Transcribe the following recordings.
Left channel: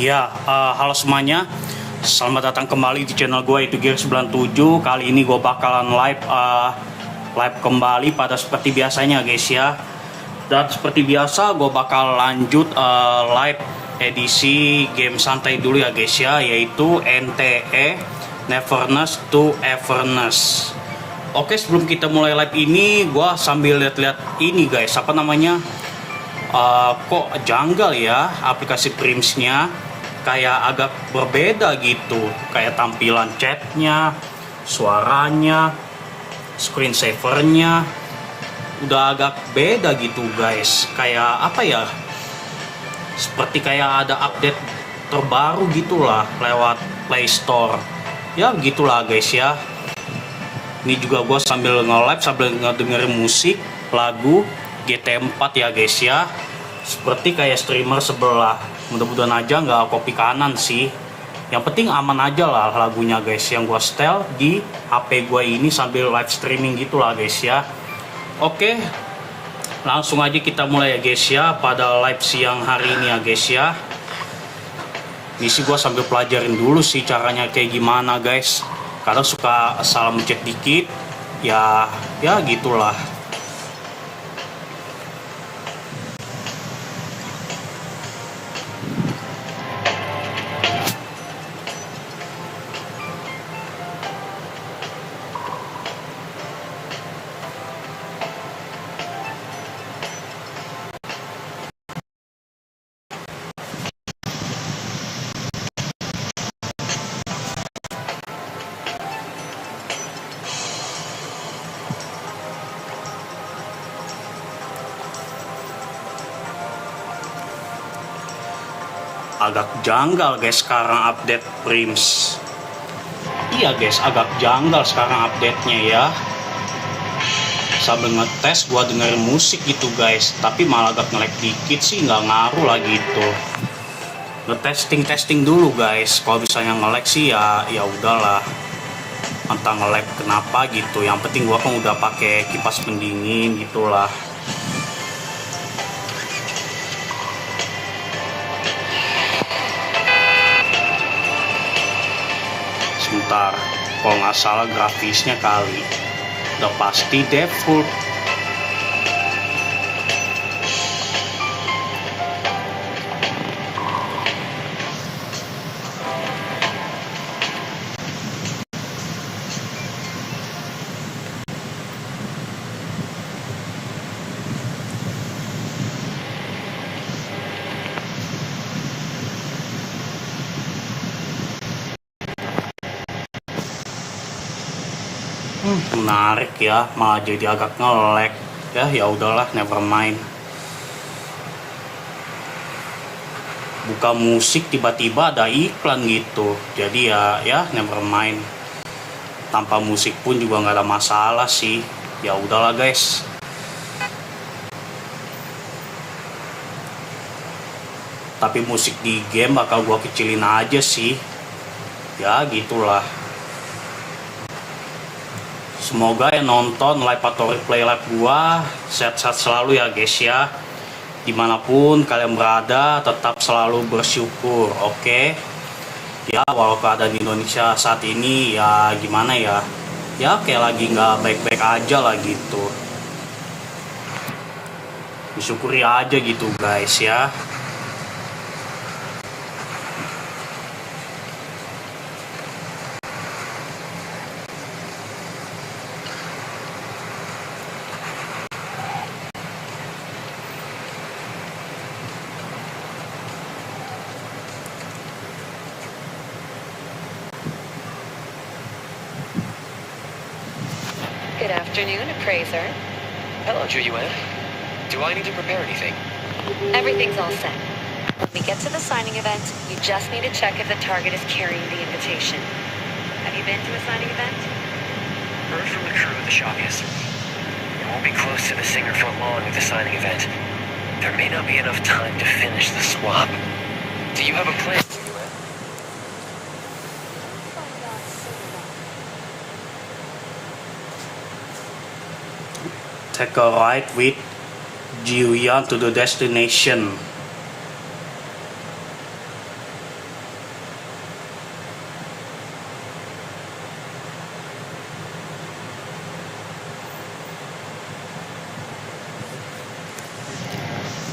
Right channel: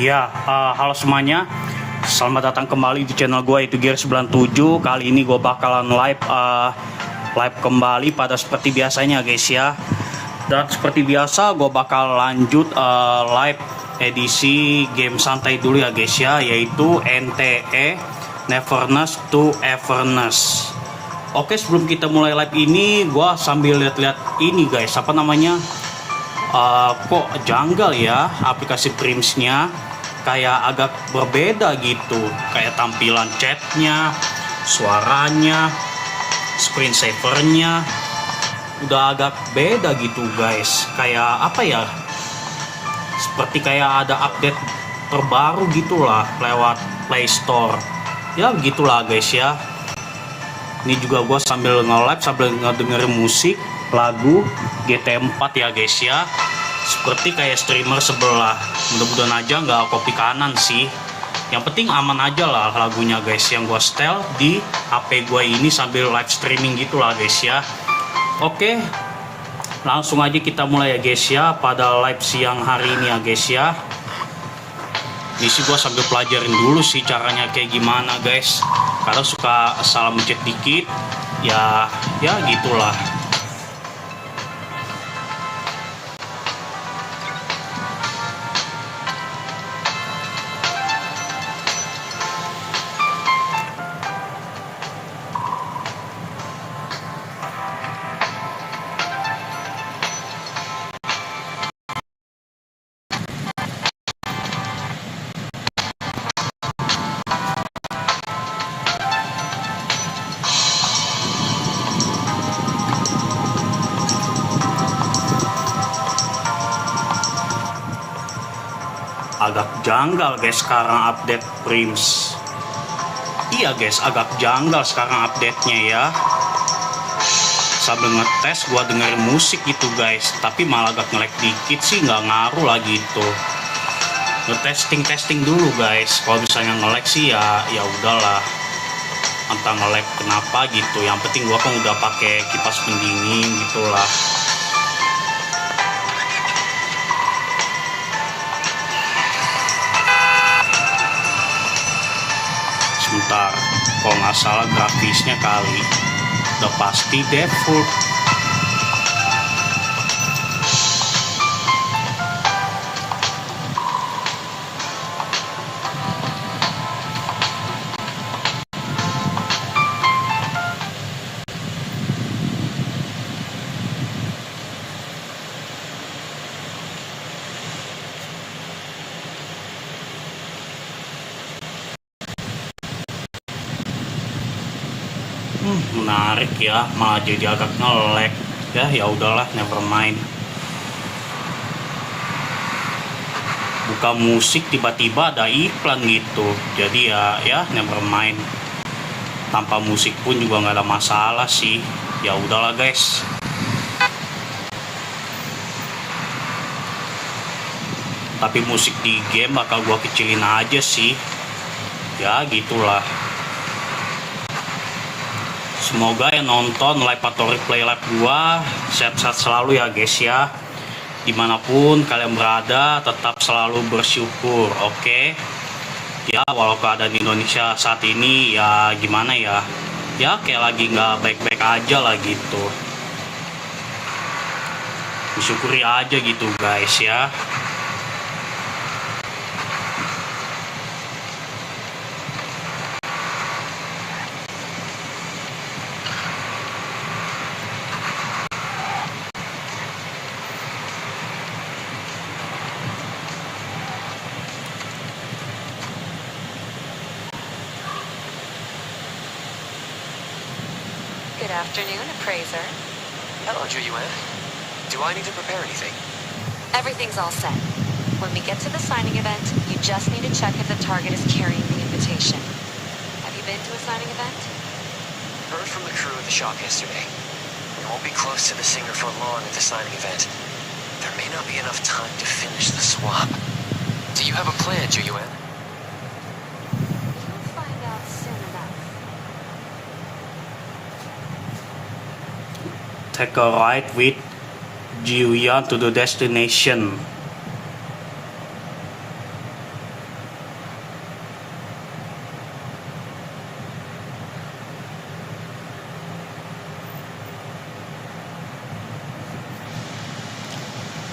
Ya, halo semuanya. Selamat datang kembali di channel gue, itu Gaes 97. Kali ini gue bakalan live kembali pada seperti biasanya guys ya. Dan seperti biasa gue bakal lanjut live edisi game santai dulu ya guys ya, yaitu NTE Neverness to Everness. Oke, sebelum kita mulai live ini, gue sambil lihat-lihat ini guys, apa namanya, kok janggal ya aplikasi Primsnya, kayak agak berbeda gitu, kayak tampilan chatnya, suaranya, screensavernya udah agak beda gitu guys. Kayak apa ya, seperti kayak ada update terbaru gitulah lewat Play Store ya, begitulah guys ya. Ini juga gue sambil nge-live sambil ngedengerin musik lagu GT4 ya guys ya, seperti kayak streamer sebelah. Mudah-mudahan aja nggak copy kanan sih, yang penting aman aja lah lagunya guys, yang gue setel di HP gue ini sambil live streaming gitulah guys ya. Oke, langsung aja kita mulai ya guys ya, pada live siang hari ini ya guys ya. Misi gue sambil pelajarin dulu sih caranya kayak gimana guys, kadang suka salah mencet dikit ya gitulah. Agak janggal guys sekarang update Prims. Iya guys, agak janggal sekarang update-nya ya. Sambil ngetes gua dengerin musik gitu guys, tapi malah agak nge-lag dikit sih, nggak ngaruh lah gitu. Ngetesting dulu guys. Kalau misalnya nge-lag sih ya udahlah, entah nge-lag kenapa gitu. Yang penting gua kan udah pakai kipas pendingin gitulah. Sebentar, kalau nggak salah grafisnya kali udah pasti default. Menarik ya, malah jadi agak nge-lag ya udahlah, never mind. Buka musik tiba-tiba ada iklan gitu, jadi ya never mind. Tanpa musik pun juga nggak ada masalah sih, ya udahlah guys. Tapi musik di game bakal gua kecilin aja sih, ya gitulah. Semoga yang nonton live atau replay live gua sehat-sehat selalu ya guys ya. Dimanapun kalian berada, tetap selalu bersyukur, oke? Ya walau keadaan di Indonesia saat ini ya gimana ya, kayak lagi nggak baik-baik aja lah gitu. Disyukuri aja gitu guys ya. Good afternoon, appraiser. Hello, Julian. Do I need to prepare anything? Everything's all set. When we get to the signing event, you just need to check if the target is carrying the invitation. Have you been to a signing event? Heard from the crew at the shop yesterday. We won't be close to the singer for long at the signing event. There may not be enough time to finish the swap. Do you have a plan, Julian? You'll find out soon enough. Take a ride with Julian to the destination.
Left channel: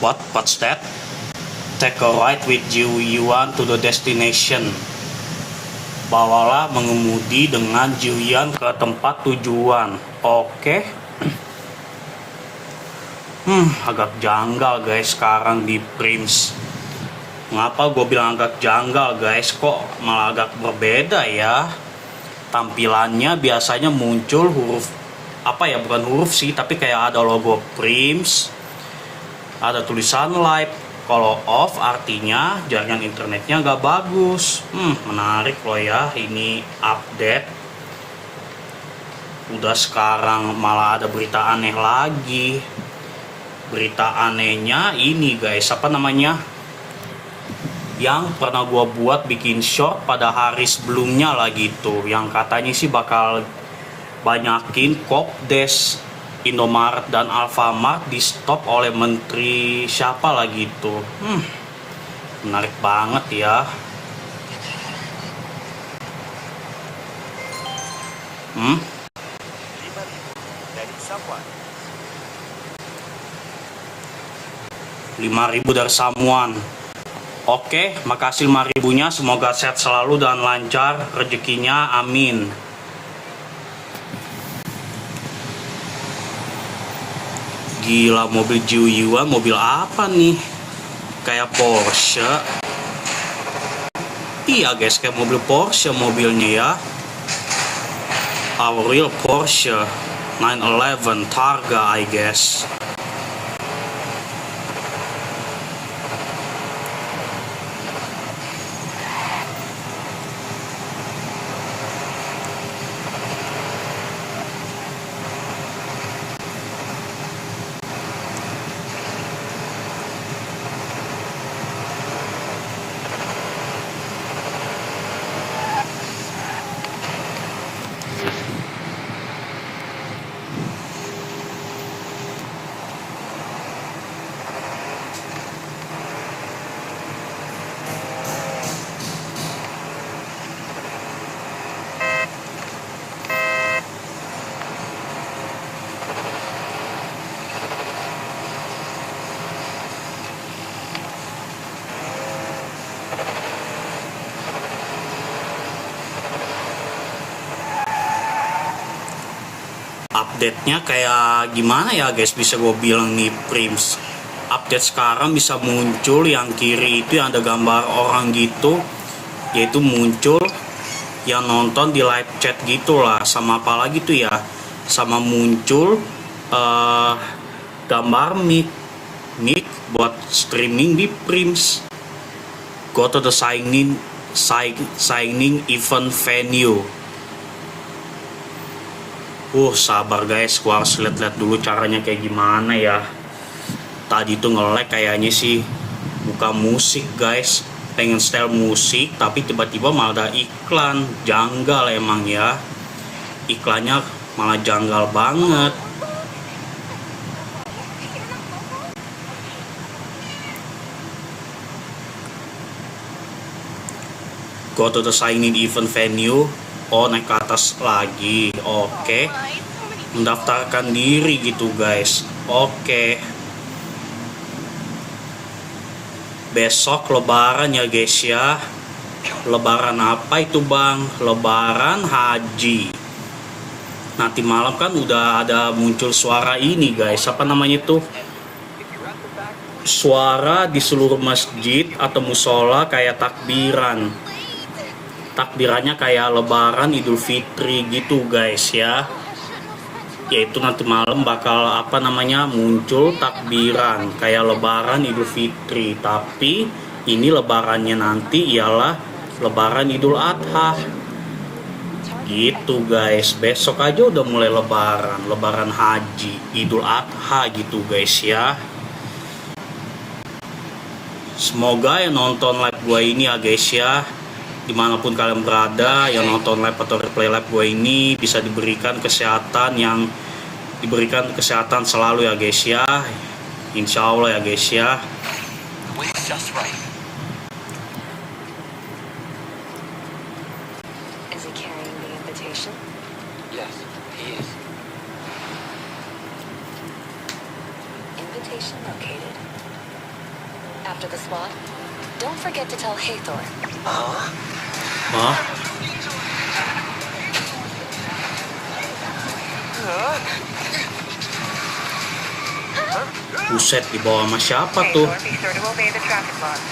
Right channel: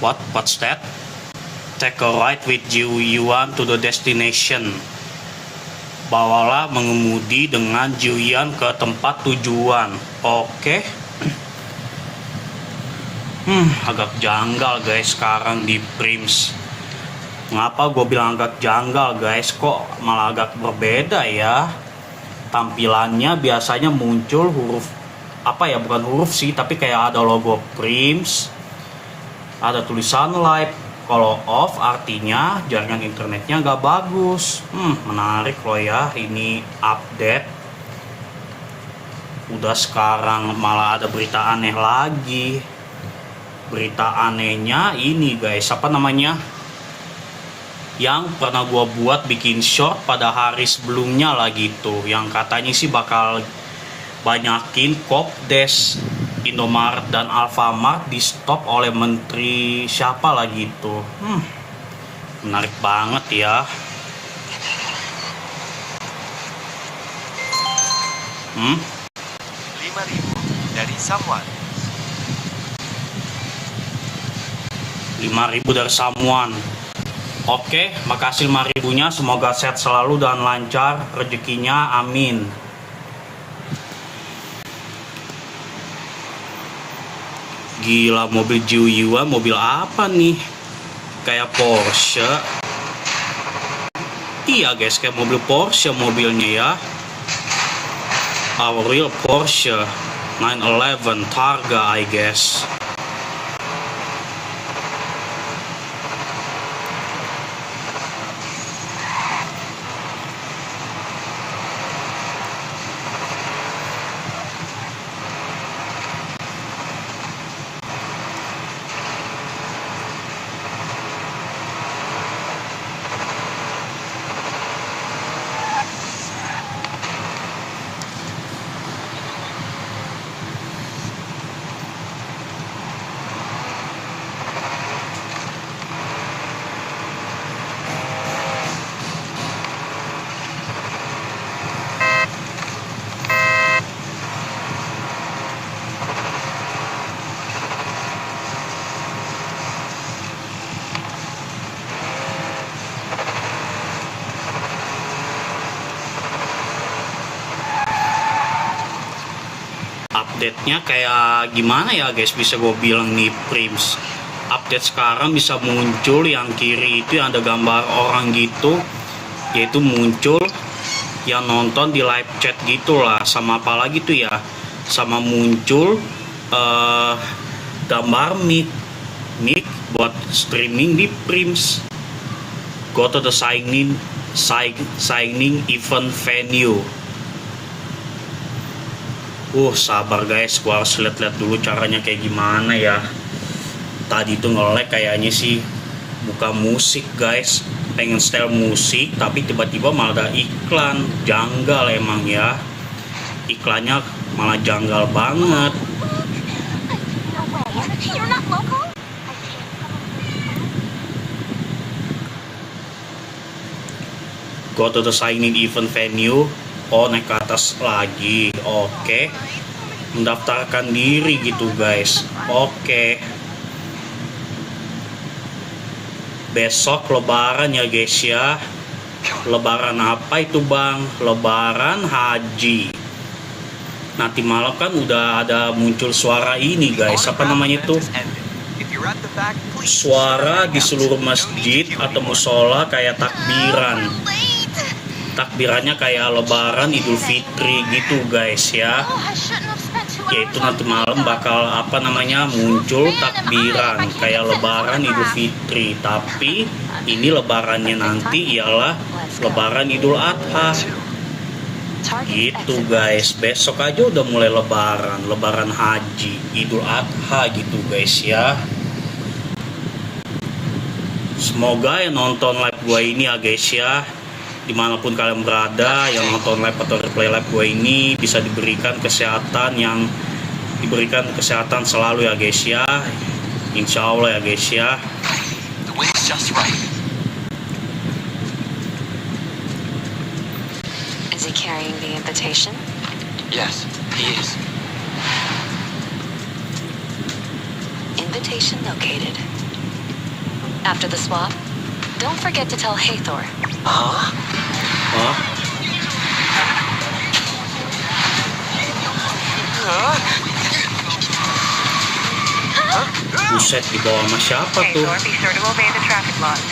What's that? Take a ride with Yuan to the destination. Bawalah mengemudi dengan Yuan ke tempat tujuan. Oke. Agak janggal guys sekarang di Prims. Ngapa gue bilang agak janggal guys? Kok malah agak berbeda ya? Tampilannya biasanya muncul huruf bukan huruf sih, tapi kayak ada logo Prims, ada tulisan live. Kalau off artinya jaringan internetnya nggak bagus. Menarik loh ya, ini update. Udah sekarang malah ada berita aneh lagi. Berita anehnya ini guys, yang pernah gua buat bikin short pada hari sebelumnya lah gitu, yang katanya sih bakal banyakin Kopdes, Indomaret dan Alfamart di stop oleh menteri siapa lah gitu. Menarik banget ya. 5.000 dari someone. 5.000 dari someone. Oke, makasih 5.000-nya. Semoga sehat selalu dan lancar rezekinya, amin. Gila, mobil Yuan, mobil apa nih? Kayak Porsche. Iya guys, kayak mobil Porsche mobilnya ya. Our real Porsche 911 Targa, I guess. Update-nya kayak gimana ya guys, bisa gue bilang nih Prims. Update sekarang bisa muncul yang kiri itu yang ada gambar orang gitu, yaitu muncul yang nonton di live chat gitulah, sama apa lagi tuh ya, sama muncul gambar mic buat streaming di Prims. Go to the signing event venue. Sabar guys, gua harus lihat dulu caranya kayak gimana ya. Tadi tuh nge-lag kayaknya sih buka musik guys, pengen style musik tapi tiba-tiba malah ada iklan. Janggal emang ya, iklannya malah janggal banget. Go to the sign-in event venue. Naik ke atas lagi. Oke. Mendaftarkan diri gitu guys. Oke. Besok lebaran ya guys ya. Lebaran apa itu bang? Lebaran haji. Nanti malam kan udah ada muncul suara ini guys. Apa namanya itu? Suara di seluruh masjid atau musola kayak takbiran. Takbirannya kayak lebaran Idul Fitri gitu guys ya. Yaitu nanti malam bakal muncul takbiran kayak lebaran Idul Fitri, tapi ini lebarannya nanti ialah lebaran Idul Adha gitu guys. Besok aja udah mulai lebaran haji, Idul Adha gitu guys ya. Semoga yang nonton live gue ini ya guys ya, dimanapun kalian berada, yang nonton live atau replay live gue ini bisa diberikan kesehatan selalu ya guys ya. Insya Allah ya guys ya. The wind's just right. Is he carrying the invitation? Yes, he is. Invitation located. After the swap, don't forget to tell Hathor. Huh? Hah? Buset, dibawa sama siapa tuh? Hathor, be sure to obey the traffic laws.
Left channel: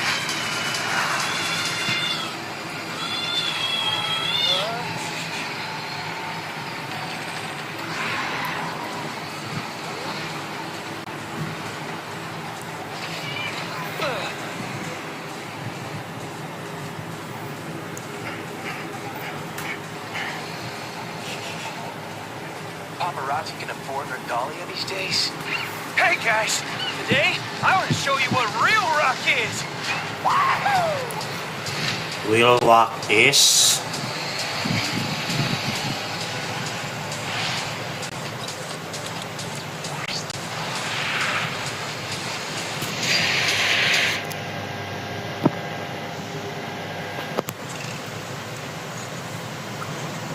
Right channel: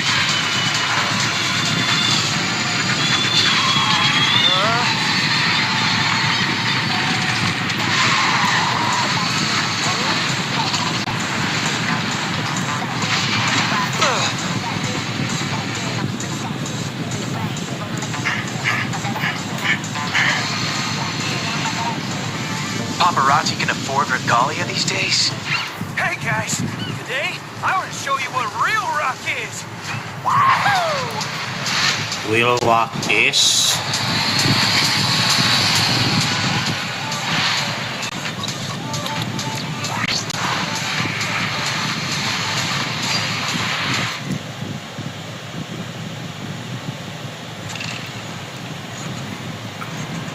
Paparazzi can afford regalia these days? Hey guys, today I want to show you what real rock is. Will rock is.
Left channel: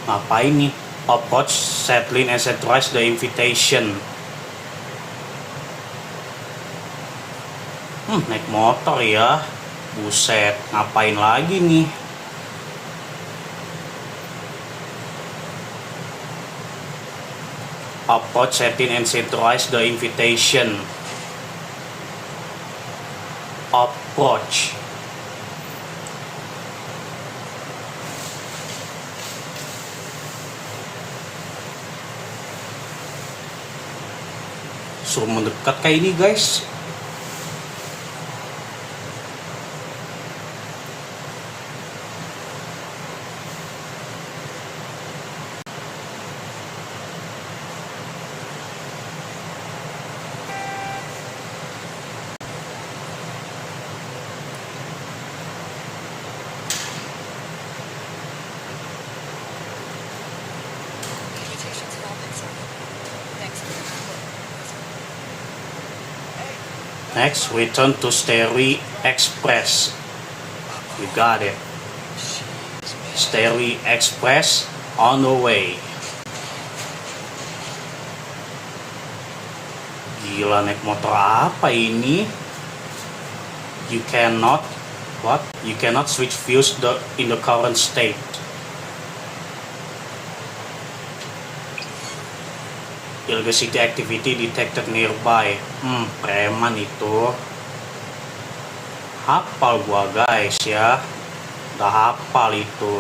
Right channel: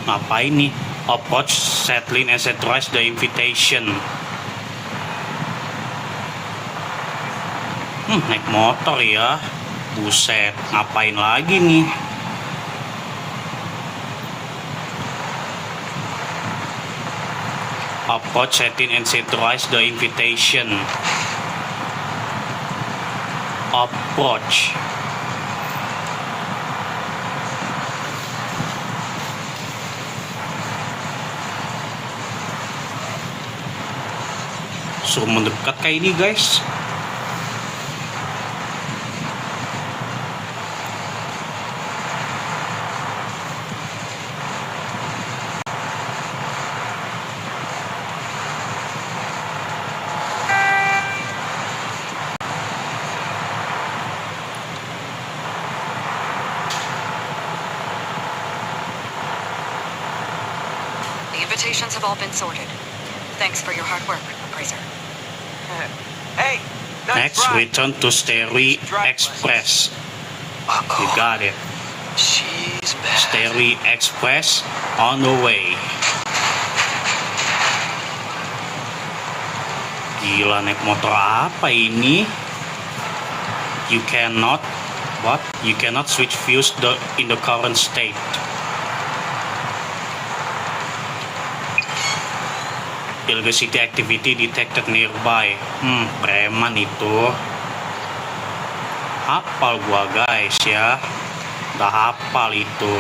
Ngapain nih? Approach, settling, and authorize the invitation. Naik motor ya. Buset, ngapain lagi nih? Approach, setting, and authorize the invitation. Approach. Suruh mendekat kayak ini guys. The invitations have all been sorted. Thanks for your hard work, Grazer. Hey, Next, return to Sterry Express. You got it. She's bad. Sterry Express on the way. Gila, naik motor apa ini? You cannot switch views in the current state. Illegal activity detected nearby. Preman itu. Hafal gua guys ya. Udah hafal itu.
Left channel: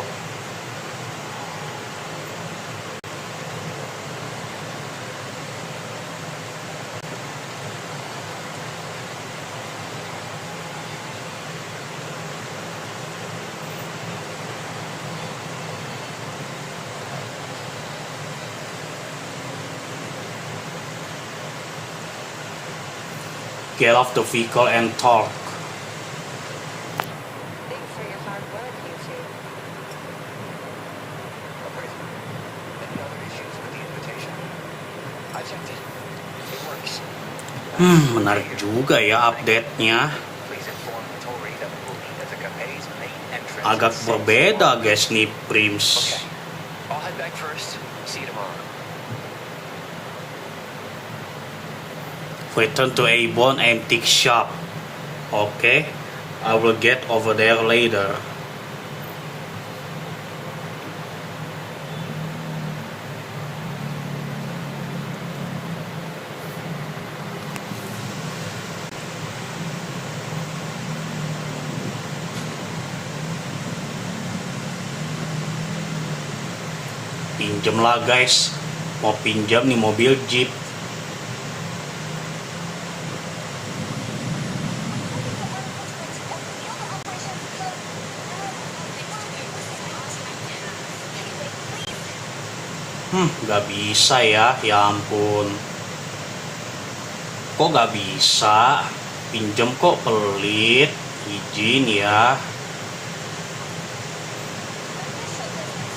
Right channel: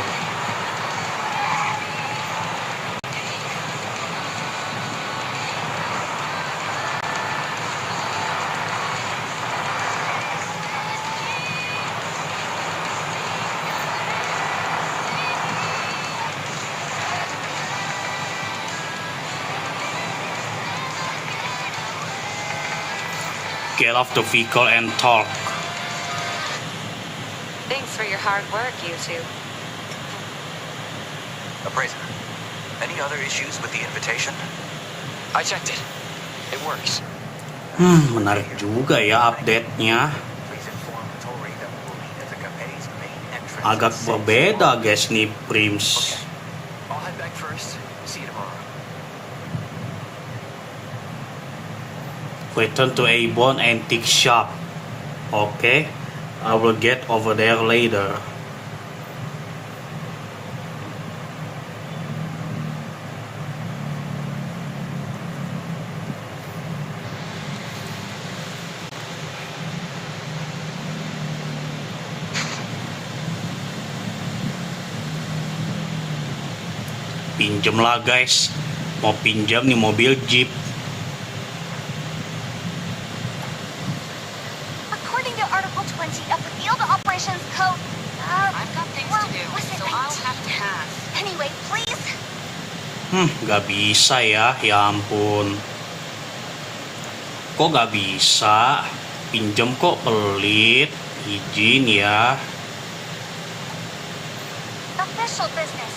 Get off the vehicle and talk. Thanks for your hard work, you two. Appraiser, any other issues with the invitation? I checked it. It works. Menarik juga ya update-nya. Please inform Tori that we will meet at the cafe's main entrance. Agak berbeda guys nih Prims. Okay. I'll head back first. See you tomorrow. Return to Avon Antique Shop. Okay, I will get over there later. Pinjem lah guys, mau pinjam nih mobil Jeep. According to Article 20 of the Field Operations Code, I've got things to do, so I'll have to pass. Anyway, please. Gak bisa ya ampun. Kok gak bisa? Pinjem kok pelit. Izin ya. Official business.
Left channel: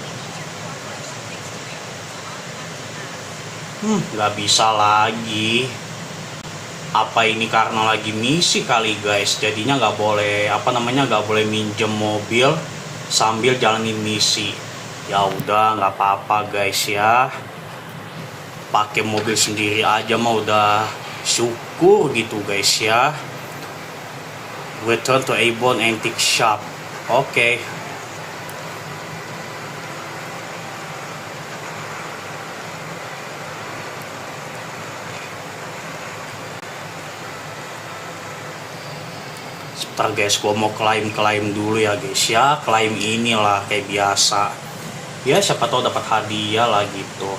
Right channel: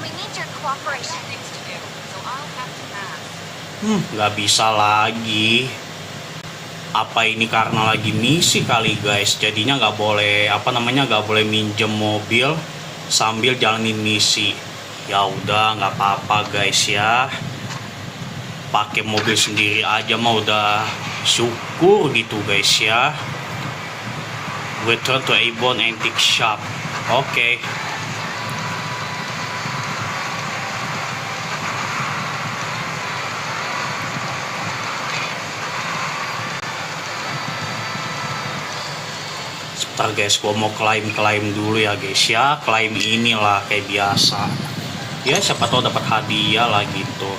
We need your cooperation. Things to do, so I'll have to pass. Gak bisa lagi. Apa ini karena lagi misi kali guys? Jadinya nggak boleh nggak boleh minjem mobil sambil jalanin misi. Ya udah nggak apa-apa guys ya. Pakai mobil sendiri aja mah udah syukur gitu guys ya. Return to Avon Antique Shop. Oke. Sebentar guys, gua mau klaim dulu ya guys ya. Klaim inilah kayak biasa. Ya siapa tahu dapat hadiah lah gitu.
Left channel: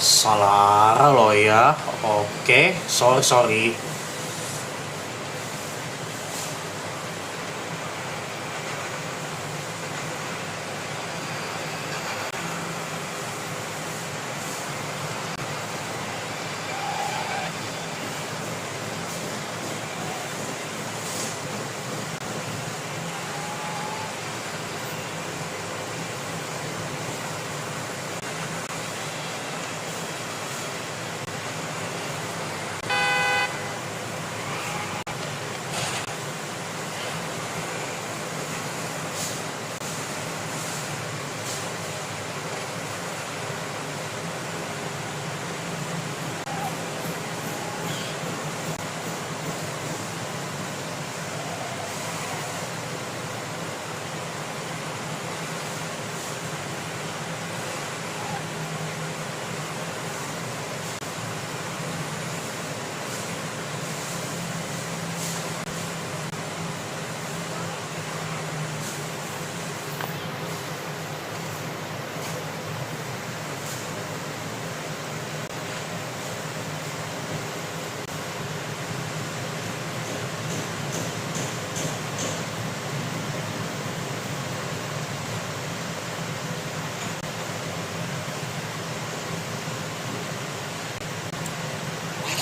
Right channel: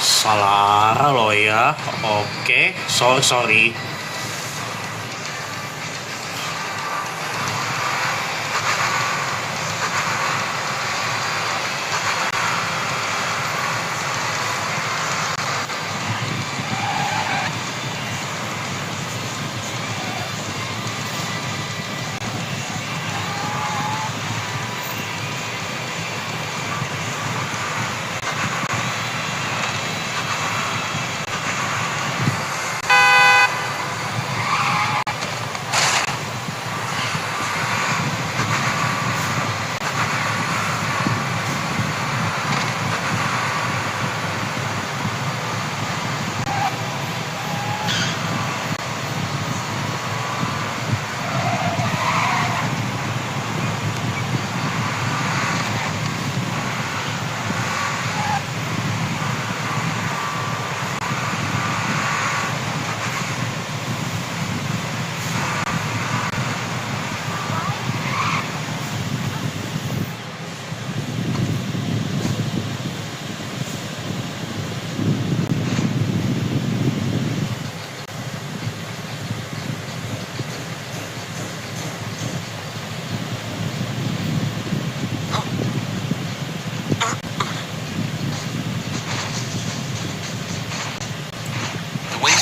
Salah arah lo ya. Oke, sorry.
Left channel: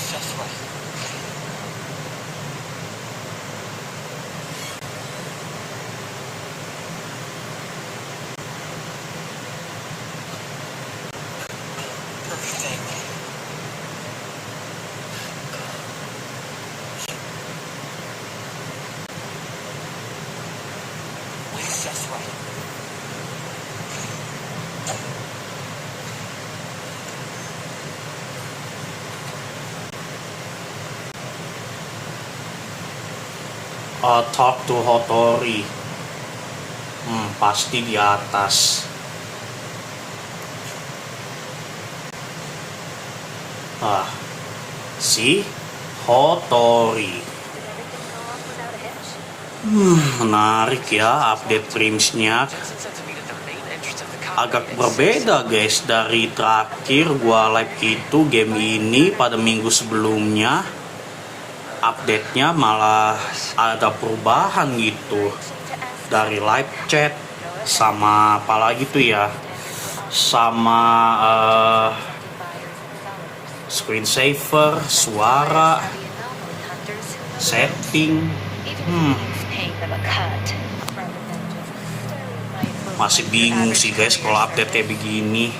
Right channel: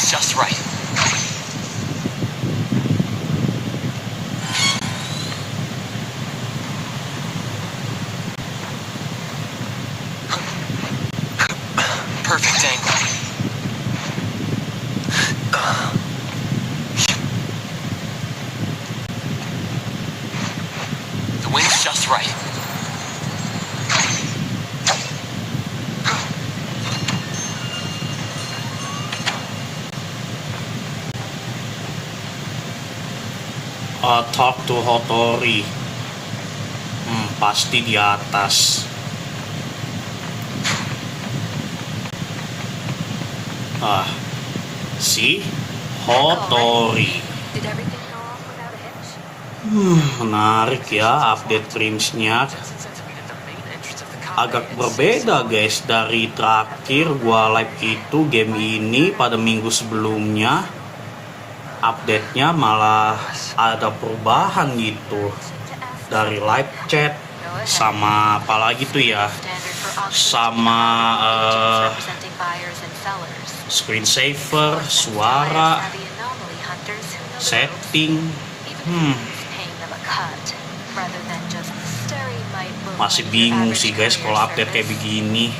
Just right. Perfect angle. The wind's just right. Talk to Hotori. Pasti di atas. Si Hotori. Did everything go off without a hitch? Menarik ya update Prims-nya. Agak berbeda guys dari terakhir gua live itu game ini pada minggu sebelumnya. Update-nya malah ada perubahan gitu dari live chat sama apalagi tuh ya, sama screensaver, suara, setting. Masih bingung sih guys kalau update kayak begini.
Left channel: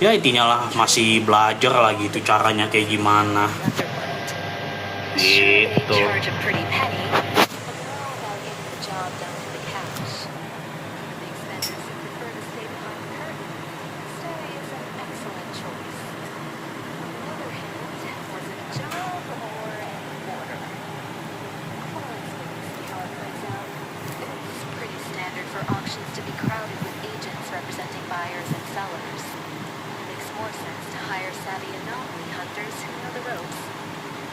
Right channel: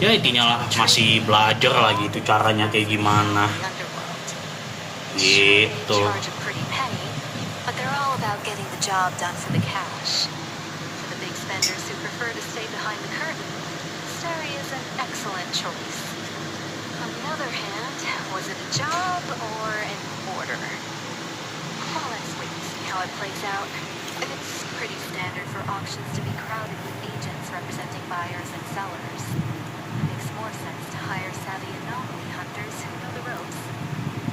Ya intinya lah masih belajar lah gitu caranya kayak gimana. Gitu. It's pretty standard for auctions to be crowded with agents representing buyers and sellers. It makes more sense to hire savvy anomaly hunters who know the ropes,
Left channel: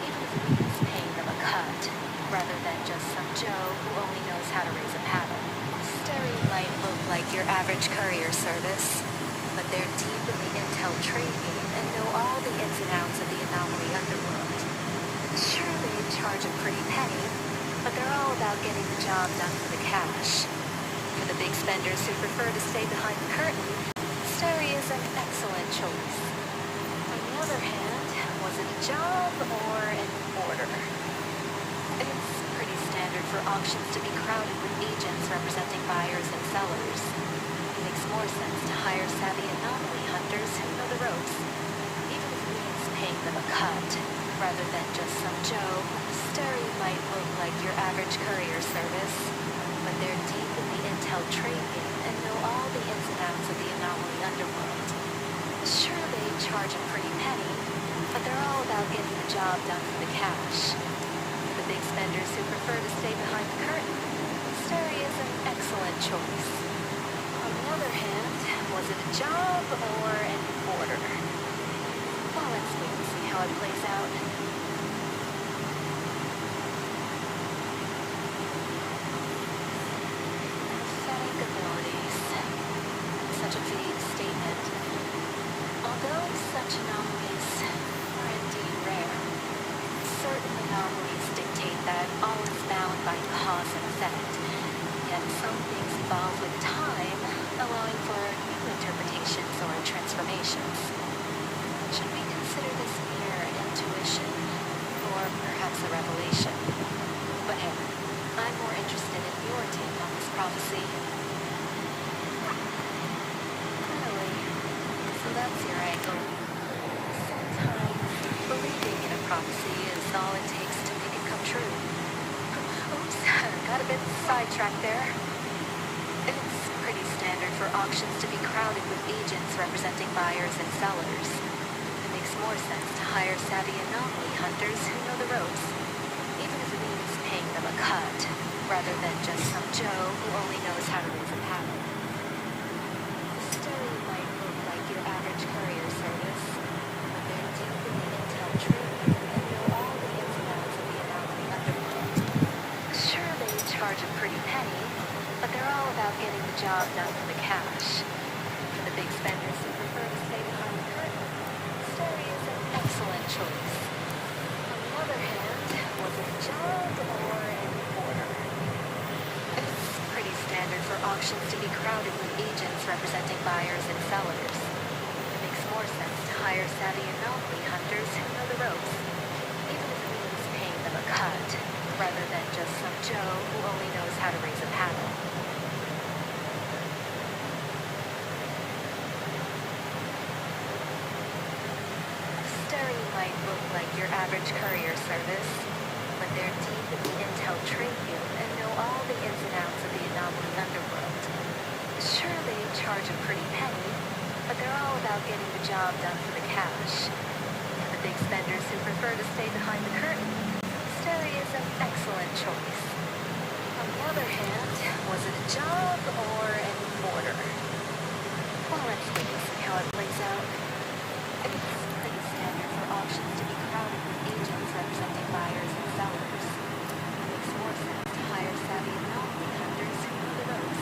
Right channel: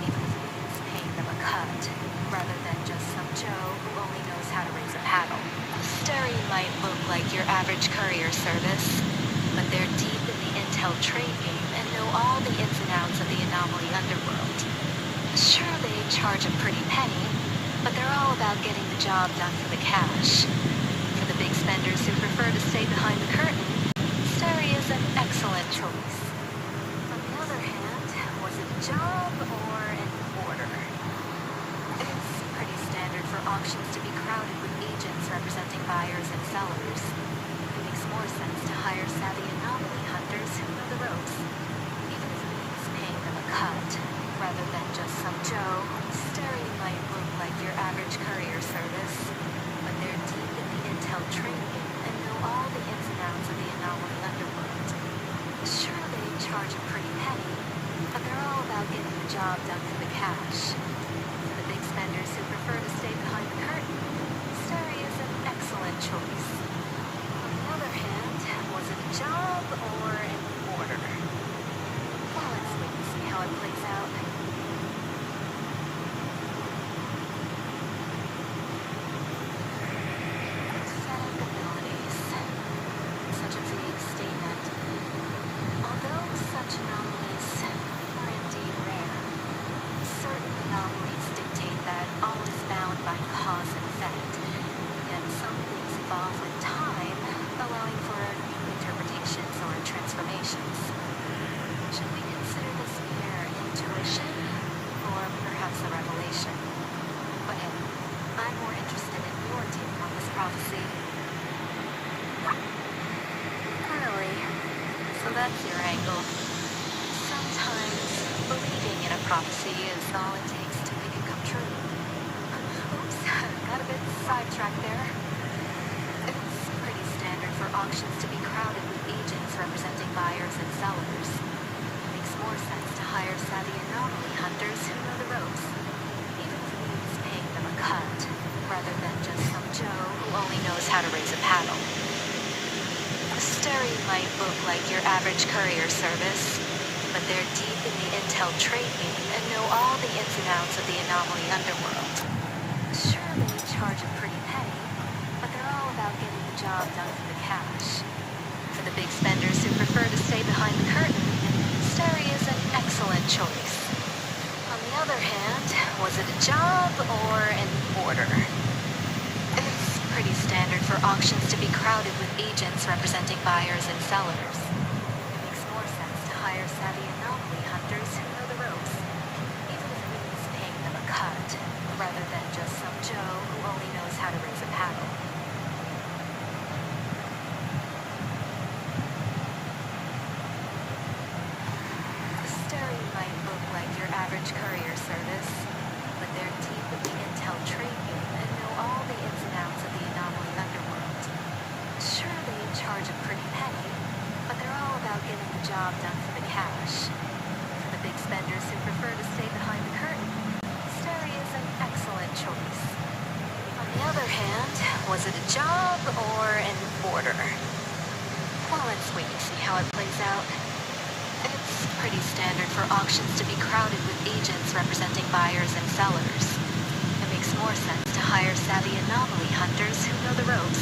even if it means paying them a cut, rather than just some Joe who only knows how to raise a paddle. Steri might look like your average courier service, but they're deep in the intel trade game and know all the ins and outs of the anomaly underworld. Sure, they charge a pretty penny, but they're all about getting the job done for the cash. For the big spenders who prefer to stay behind the curtain, Stary is an excellent choice. On the other hand, was it a job or an order? It's pretty standard for auctions to be crowded with agents representing buyers and sellers. It makes more sense to hire savvy anomaly hunters who know the ropes, even if it means paying them a cut, rather than just some Joe. Stary might look like your average courier service, but they're deep in the intel trade game and know all the ins and outs of the anomaly underworld. Sure, they charge a pretty penny, but they're all about getting the job done for the cash. For the big spenders who prefer to stay behind the curtain, Stary is an excellent choice. On the other hand, was it a job or an order? Well, let's wait and see how it plays out. Pathetic abilities. Such a vague statement. Although such anomalies are indeed rare, certain anomalies dictate that all is bound by cause and effect, yet some things evolve with time, allowing for new interpretations or transformations. Should we consider this mere intuition, or perhaps a revelation? But hey, I'm more interested in your take on this prophecy. Early. So that's your angle. Sometimes believing in a prophecy is all it takes to make it come true. Oops, got a bit sidetracked there. It's pretty standard for auctions to be crowded with agents representing buyers and sellers. It makes more sense to hire savvy anomaly hunters who know the ropes, even if it means paying them a cut, rather than just some Joe who only knows how to raise a paddle. Stary might look like your average courier service, but they're deep in the intel trade game and know all the ins and outs of the anomaly underworld. Sure, they charge a pretty penny, but they're all about getting the job done for the cash. For the big spenders who prefer to stay behind the curtain, Stary is an excellent choice. On the other hand, was it a job or an order? It's pretty standard for auctions to be crowded with agents representing buyers and sellers. It makes more sense to hire savvy anomaly hunters who know the ropes, even if it means paying them a cut, rather than just some Joe who only knows how to raise a paddle. Stary might look like your average courier service, but they're deep in the intel trade game and know all the ins and outs of the anomaly underworld. Sure, they charge a pretty penny, but they're all about getting the job done for the cash. For the big spenders who prefer to stay behind the curtain, Stary is an excellent choice. On the other hand, was it a job or an order? Well, let's wait and see how it plays out. It's pretty standard for auctions to be crowded with agents representing buyers and sellers. It makes more sense to hire savvy anomaly hunters who know the ropes,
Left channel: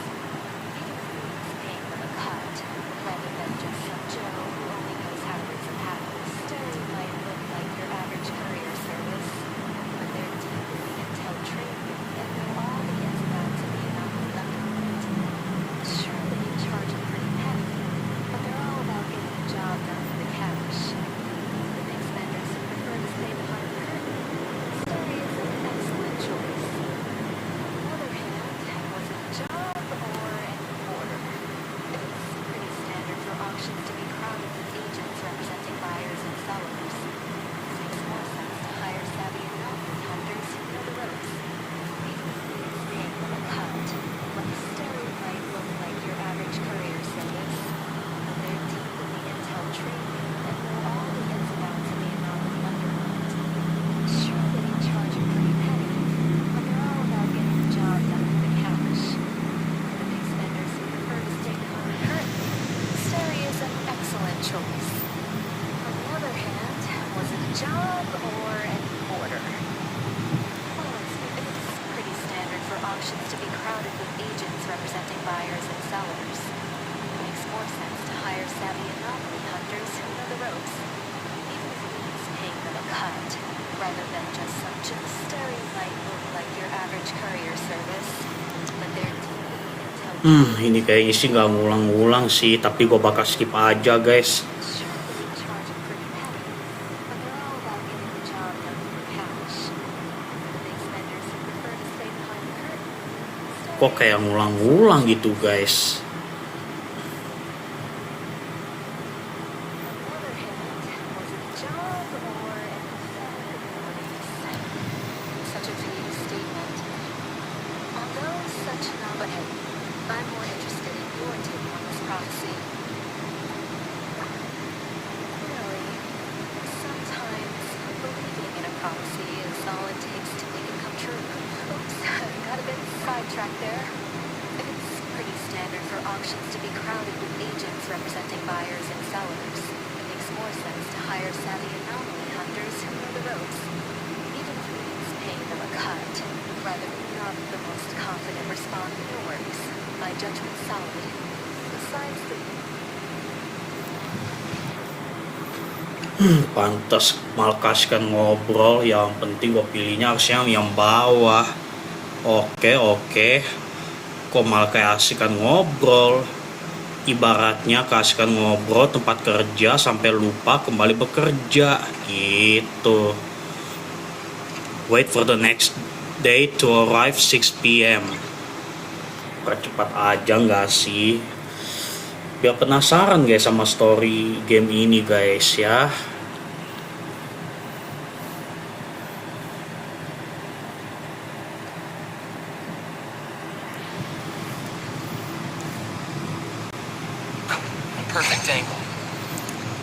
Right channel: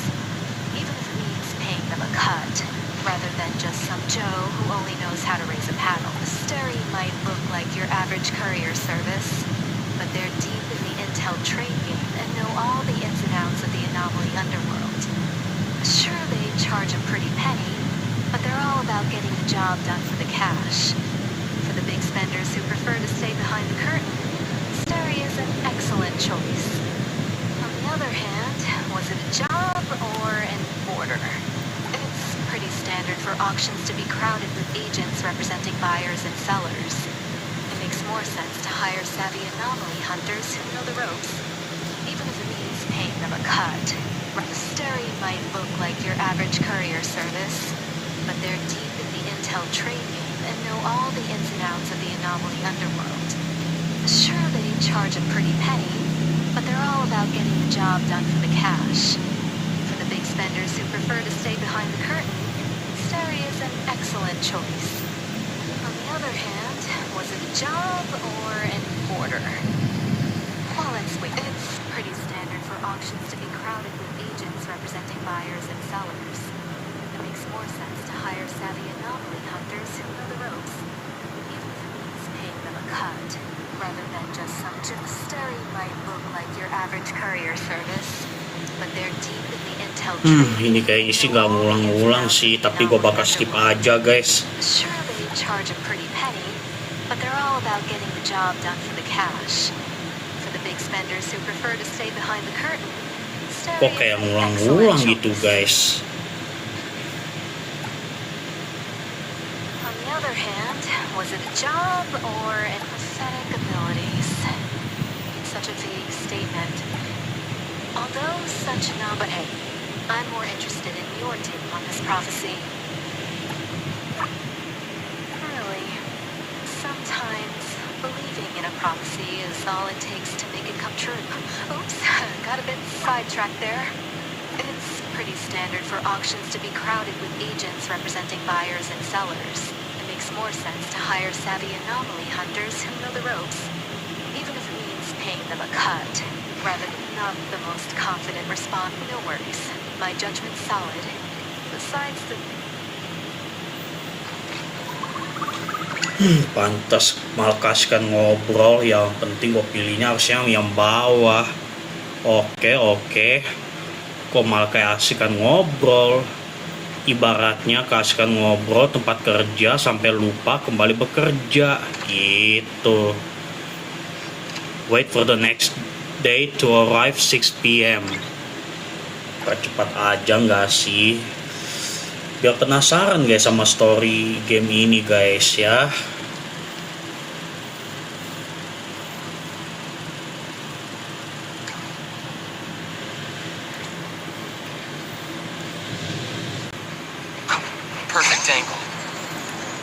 even if it means paying them a cut, rather than just some Joe who only knows how to raise a paddle. Stary might look like your average courier service, but they're deep in the intel trade game and know all the ins and outs of the anomaly underworld. Sure, they charge a pretty penny, but they're all about getting the job done for the cash. For the big spenders who prefer to stay behind the curtain, Stary is an excellent choice. On the other hand, was it a job or an order? It's pretty standard for auctions to be crowded with agents representing buyers and sellers. It makes more sense to hire savvy anomaly hunters who know the ropes, even if it means paying them a cut. Stary might look like your average courier service, but they're deep in the intel trade game and know all the ins and outs of the anomaly underworld. Sure, they charge a pretty penny, but they're all about getting the job done for the cash. For the big spenders who prefer to stay behind the curtain, Stary is an excellent choice. On the other hand, was it a job or an order? Well, let's wait. It's pretty standard for auctions to be crowded with agents representing buyers and sellers. It makes more sense to hire savvy anomaly hunters who know the ropes, even if it means paying them a cut, rather than just some Stary might look like your average courier service, but they're deep in the intel held true. Ini kayaknya sih nggak ngulang-ngulang sih, tapi gue bakal skip aja guys. Sure, they charge a pretty penny, but they're all about getting the job done for the cash. For the big spenders who prefer to stay behind the curtain. Kok kayak ngulang-ngulang gitu guys. On the other hand, was it a job or an pathetic abilities? Such a vague statement. Although such but hey, I'm more interested in your take on this prophecy. Really, sometimes believing in a prophecy is all it takes to make it come true. Oops, got a bit sidetracked there. It's pretty standard for auctions to be crowded with agents representing buyers and sellers. It makes more sense to hire savvy anomaly hunters who know the ropes, even if it means paying them a cut, rather than not the most confident respond. No worries, my judgment's solid. Besides the Pantas malah kasihkan ngobrol, yang penting gue pilihnya harusnya yang bawah. Oke, kok malah kayak asihkan ngobrol. Ibaratnya kasihkan ngobrol tempat kerja sampai lupa kembali bekerja gitu. Wait for the next day to arrive 6 p.m. Percepat aja nggak sih? Biar penasaran guys sama story game ini guys ya. Perfect angle.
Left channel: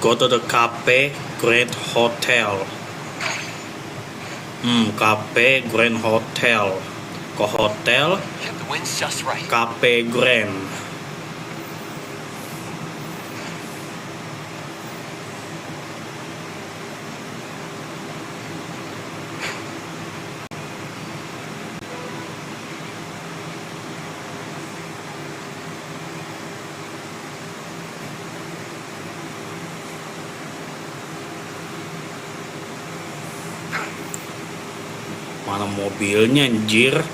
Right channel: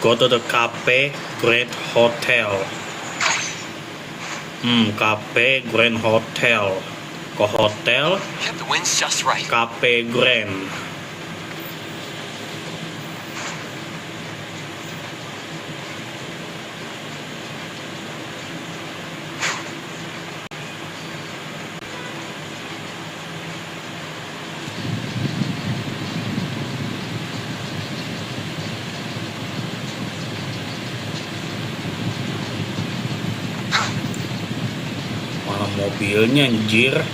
Go to the Cafe Grand Hotel. Cafe Grand Hotel. Ke hotel Yep, the wind's just right. Cafe Grand. Mana mobilnya anjir?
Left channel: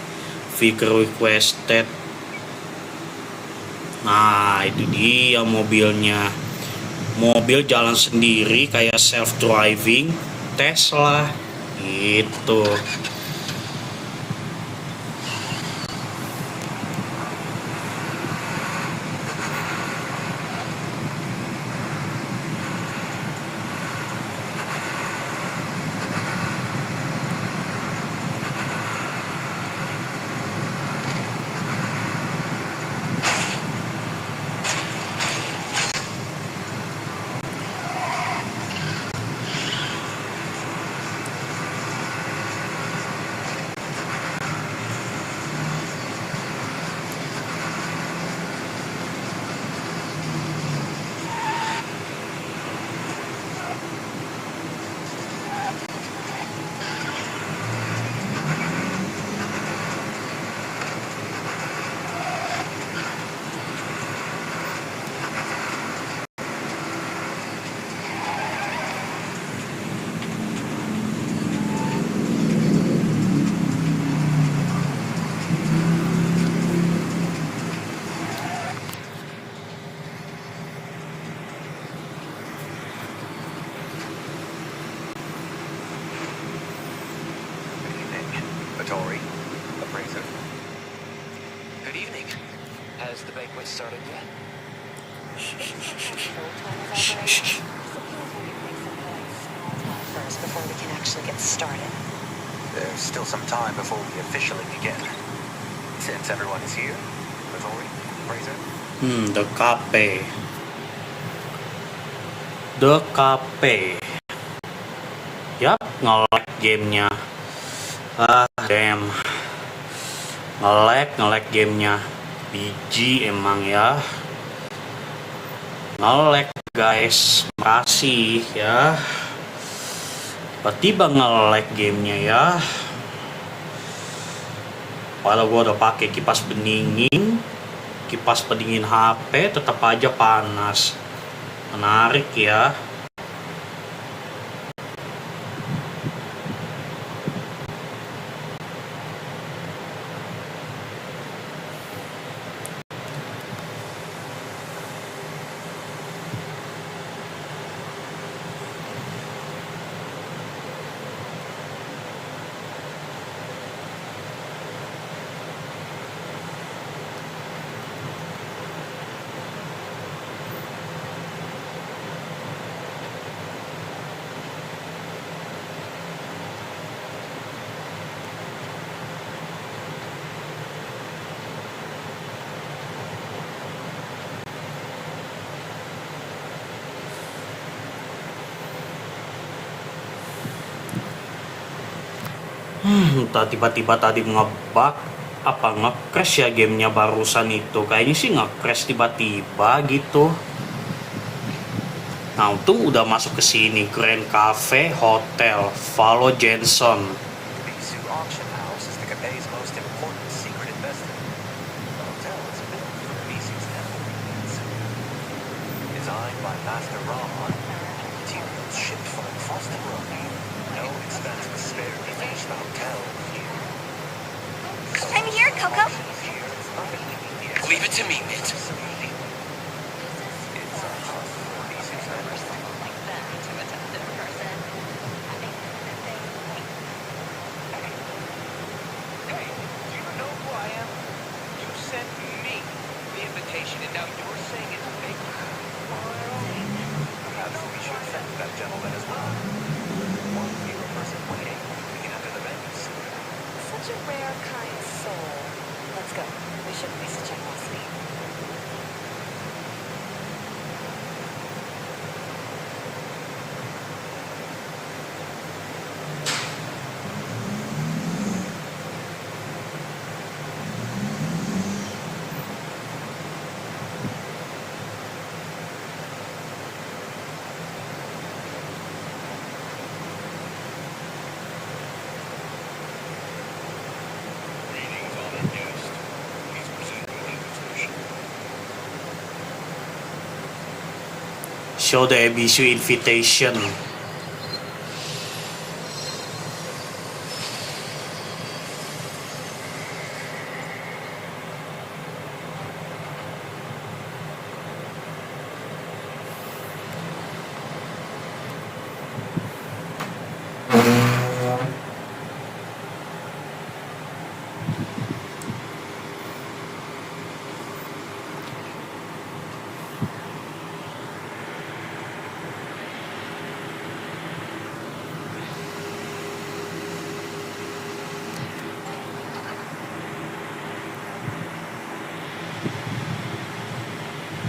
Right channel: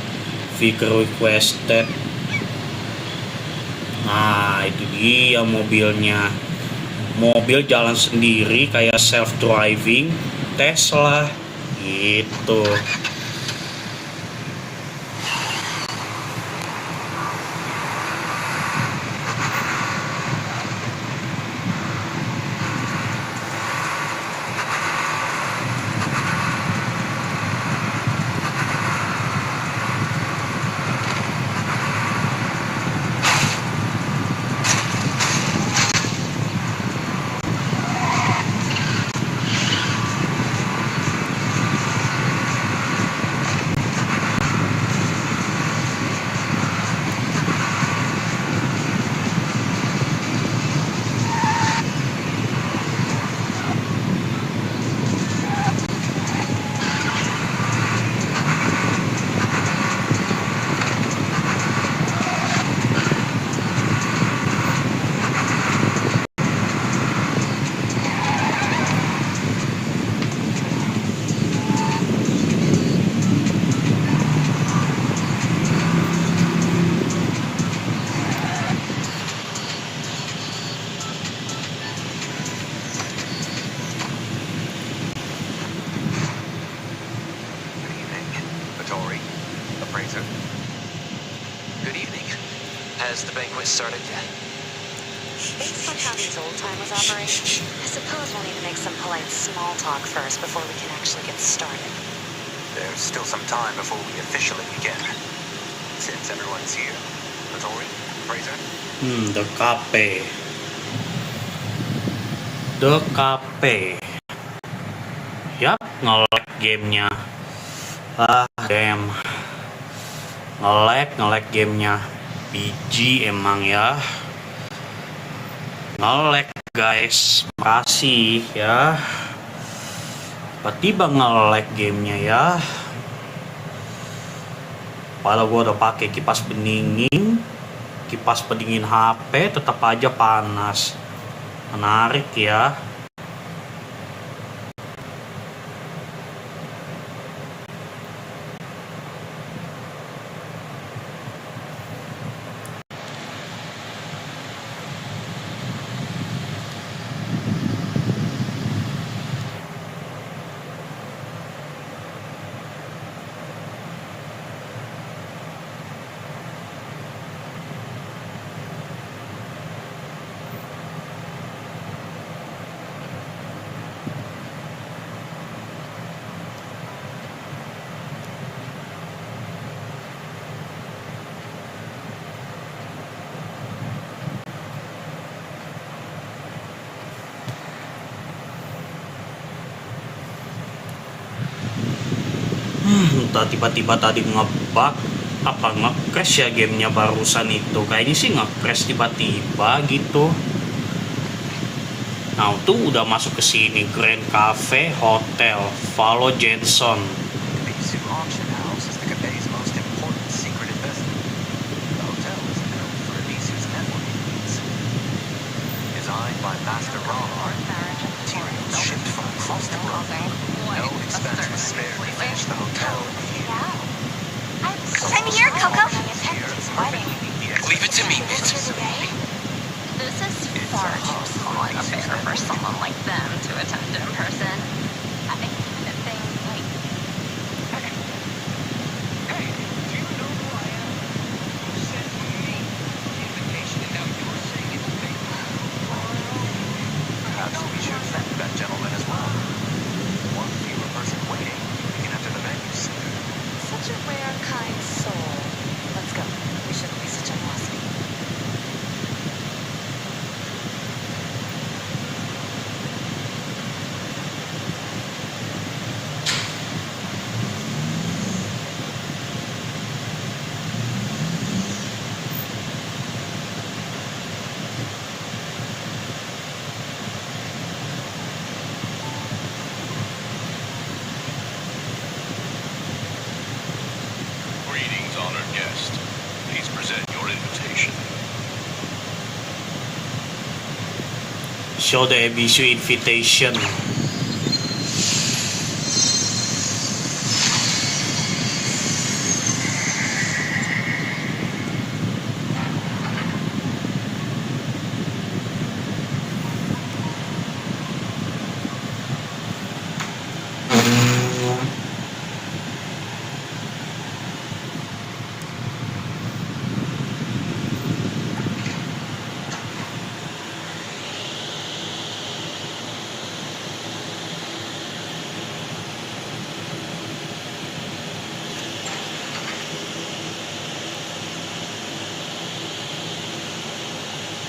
Vehicle requested. Nah itu dia mobilnya. Mobil jalan sendiri kayak self driving Tesla gitu. Good evening. Has the banquet started yet? Based on how these old-timers operate, I suppose we'll need to make some polite small talk first before we can actually get started. There's still some time before we officially begin. Since everyone is here, Vittori, Fraser? The Cafe. The Cafe. Yap, nge-lag gamenya. Damn. Nge-lag gamenya. Biji emang ya. Nge-lag guys. Makasih ya. Tiba-tiba nge-lag gamenya ya. Padahal gue udah pakai kipas pendingin, kipas pendingin HP, tetap aja panas. Menarik ya. Entah tiba-tiba tadi nge-crash ya gamenya barusan itu. Kayaknya sih nge-crash tiba-tiba gitu. Nah, tuh udah masuk ke sini, Grand Cafe Hotel, Follow Jensen. Misi auction house is the Gaes' most important secret investment. The hotel is built for Misi's networking needs. Designed by Master Rama, materials shipped from across the globe. No expense was spared to finish the hotel in a year. I'm here, Coco. Leave it to me, Mint. This is far too small an affair for someone like them to attend in person. I think that thing, like... Hey, do you know who I am? You sent me the invitation, and now you're saying it's fake. Perhaps we should thank that gentleman as well. One fewer person waiting, we can enter the venue sooner. Such a rare, kind soul. Let's go. We shouldn't be such animosity. Greetings, honored guest. Please present your invitation. Show the Ebisu invitation.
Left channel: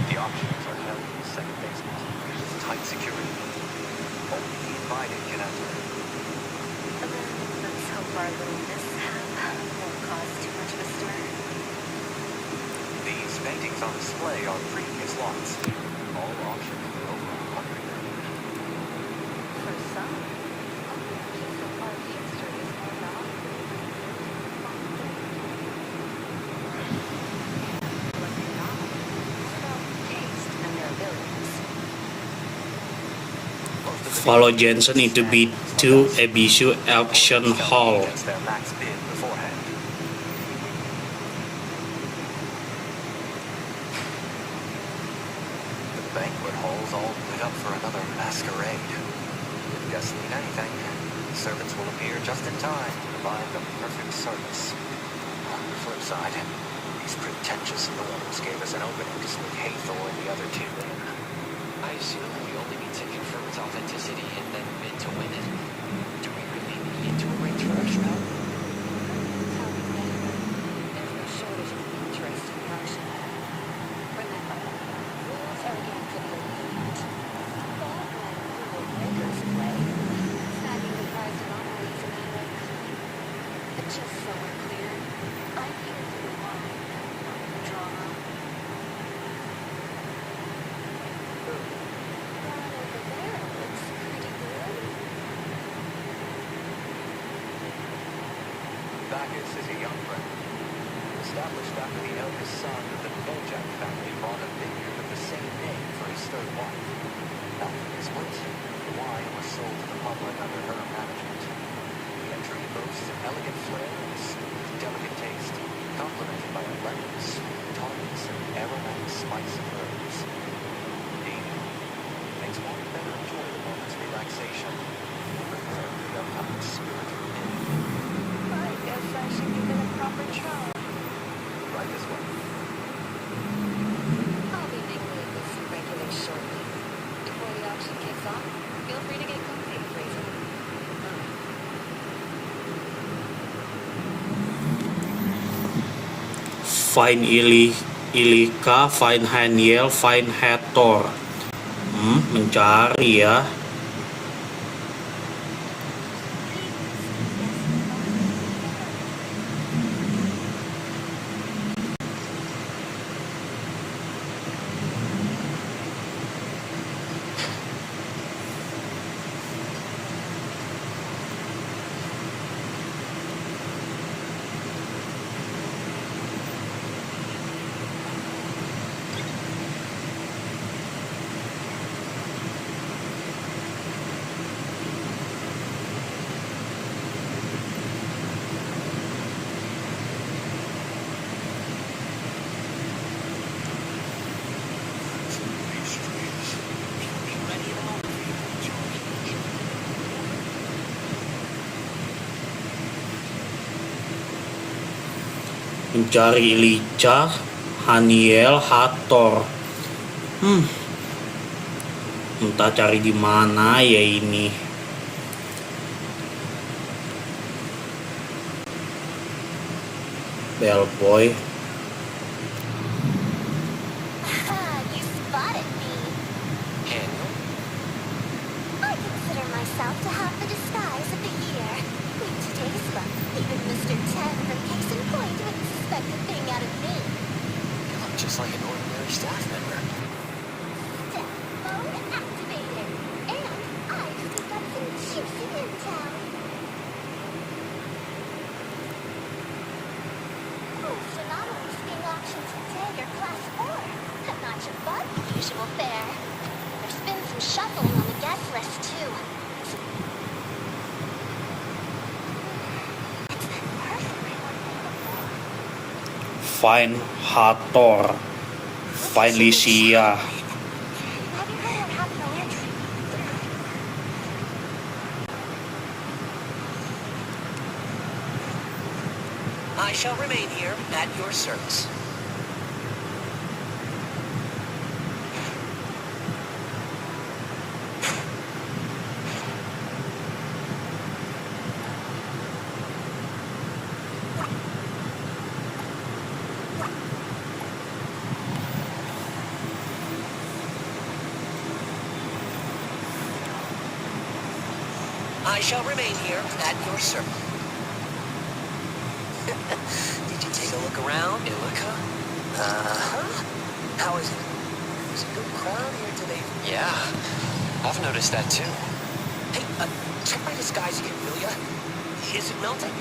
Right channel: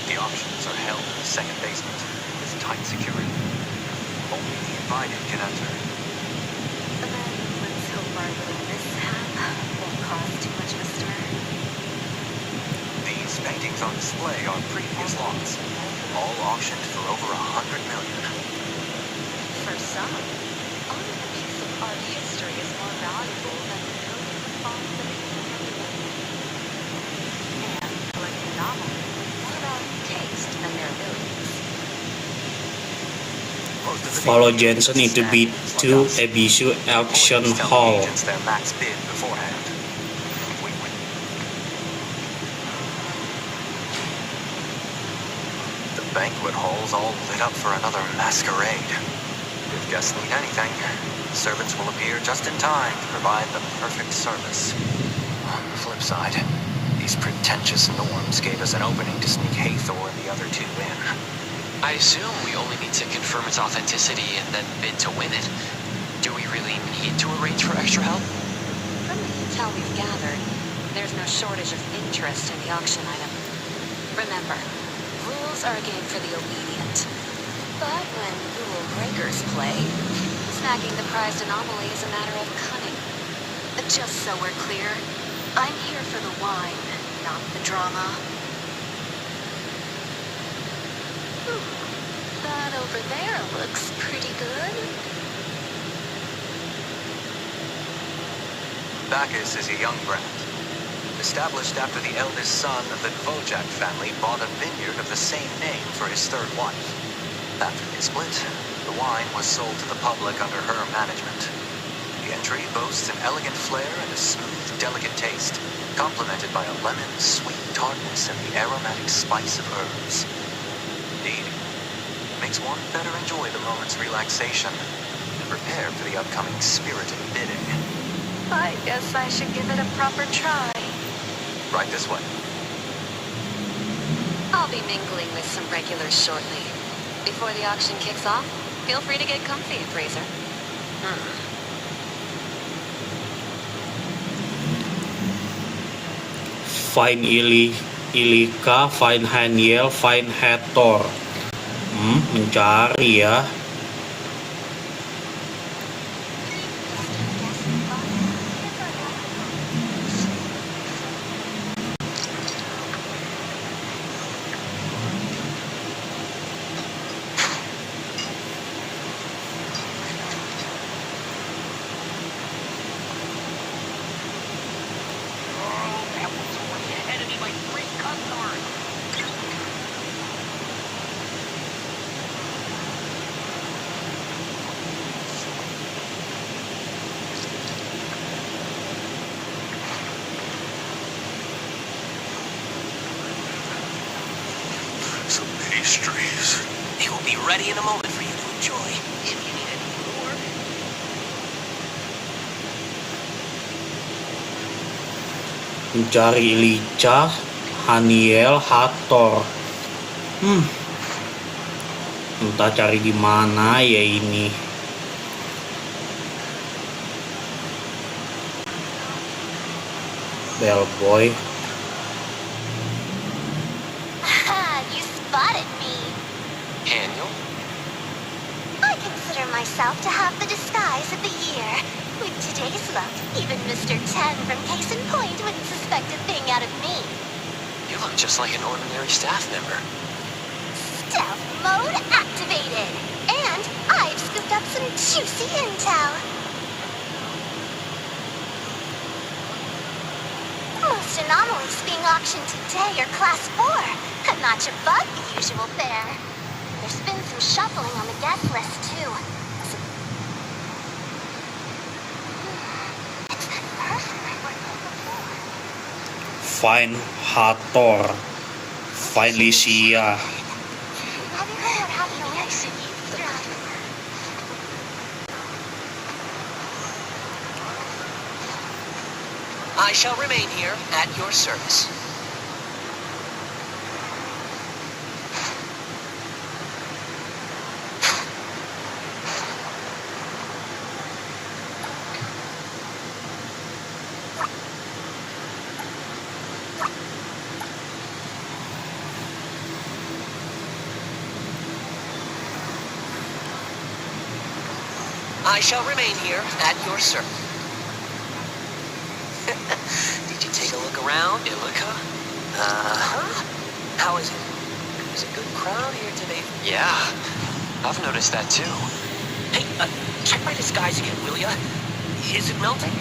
The auctions are held in the second basement with tight security. Only the invited can enter. Then let's hope our little mishap won't cause too much of a stir. These paintings on display are previous lots, all auctioned for over 100 million. For some, owning a piece of art history is more valuable than millions of fond living. And collecting novels is more about taste and their abilities. Most of the Follow dealers Jensen into stand B2 like us. Ebisu Auction Employees tell the Hall. agents their max bid beforehand. The banquet hall's all lit up for another masquerade. If guests need anything, servants will appear just in time to provide the perfect service. On the flip side, these pretentious norms gave us an opening to sneak Hathor and the other two in. I assume we only need to confirm its authenticity and then bid to win it. Do we really need to arrange for extra help? From the intel we've gathered, there's no shortage of interest in the auction item. Remember, rules are a game for the obedient. But when rule breakers play, snagging the prized anomaly is a matter of cunning. Just so we're clear, I'm here for the wine, not the drama. Ooh, that over there looks pretty good. Gaes is a young brand, established after the eldest son of the Dvojak family bought a vineyard of the same name for his third wife. After they split, the wine was sold to the public under her management. The entry boasts an elegant flair and a smooth, delicate taste, complemented by a lemon, sweet tartness and the aromatic spice of herbs. Indeed, it makes one better enjoy the moment's relaxation and prepare for the upcoming spirited bidding. I guess I should give it a proper try. Right this way. I'll be mingling with some regulars shortly. Before the auction kicks off, feel free to get comfy, Fraser. Find Ilika, find Haniel, find Hathor. Mencari ya. ready in a moment for you to enjoy. If you need any more. Mencari lincah Haniel Hathor. Entah cari di mana ya ini. Bellboy. You spotted me. Haniel? I consider myself to have the disguise of the year. With today's look, even Mr. 10 from Case in Point wouldn't suspect a thing out of me. You look just like an ordinary staff member. Stealth mode activated. And I've scooped up some juicy intel. Most anomalies being auctioned today are class 4, a notch above the usual fare. There's been some shuffling on the guest list too. It's that person I worked with before. Find Hathor. Find Lycia. Have you heard what happened to Lynch? I shall remain here at your service. I shall remain here at your service. Did you take a look around? Illica? Uh-huh. How is it? There's a good crowd here today. Yeah, I've noticed that too. Hey, check my disguise again, will ya? Is it melting?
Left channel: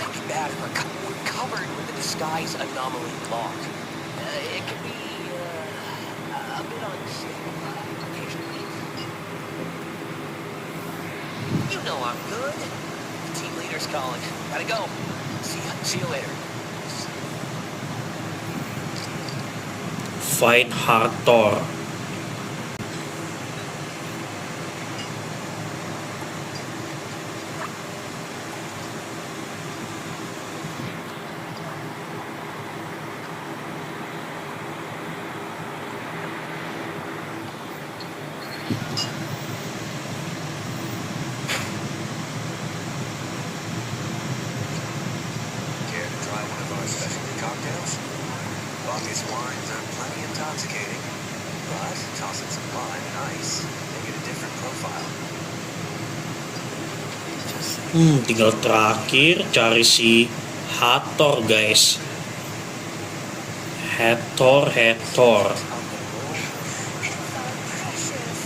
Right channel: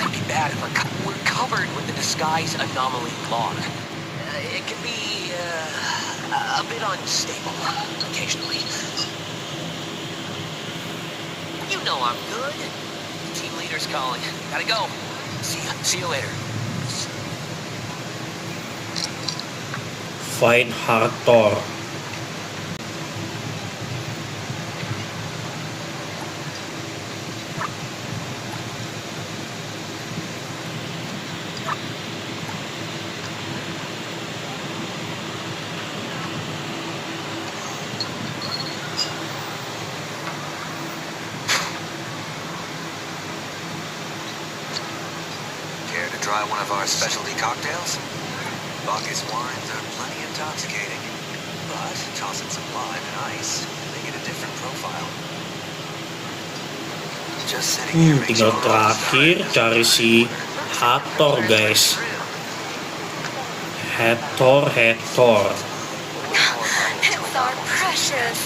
It'd be bad if we're covered with the disguise anomaly log. It can be, a bit unstable occasionally. You know I'm good. Team leader's calling. Gotta go. See you later. Find Hathor. Care to try one of our specialty cocktails? Bacchus wines are plenty intoxicating, but toss in some lime and ice, they get a different profile. Just sitting here makes Tinggal you terakhir cari si Hathor, guys. Hathor. It's our precious.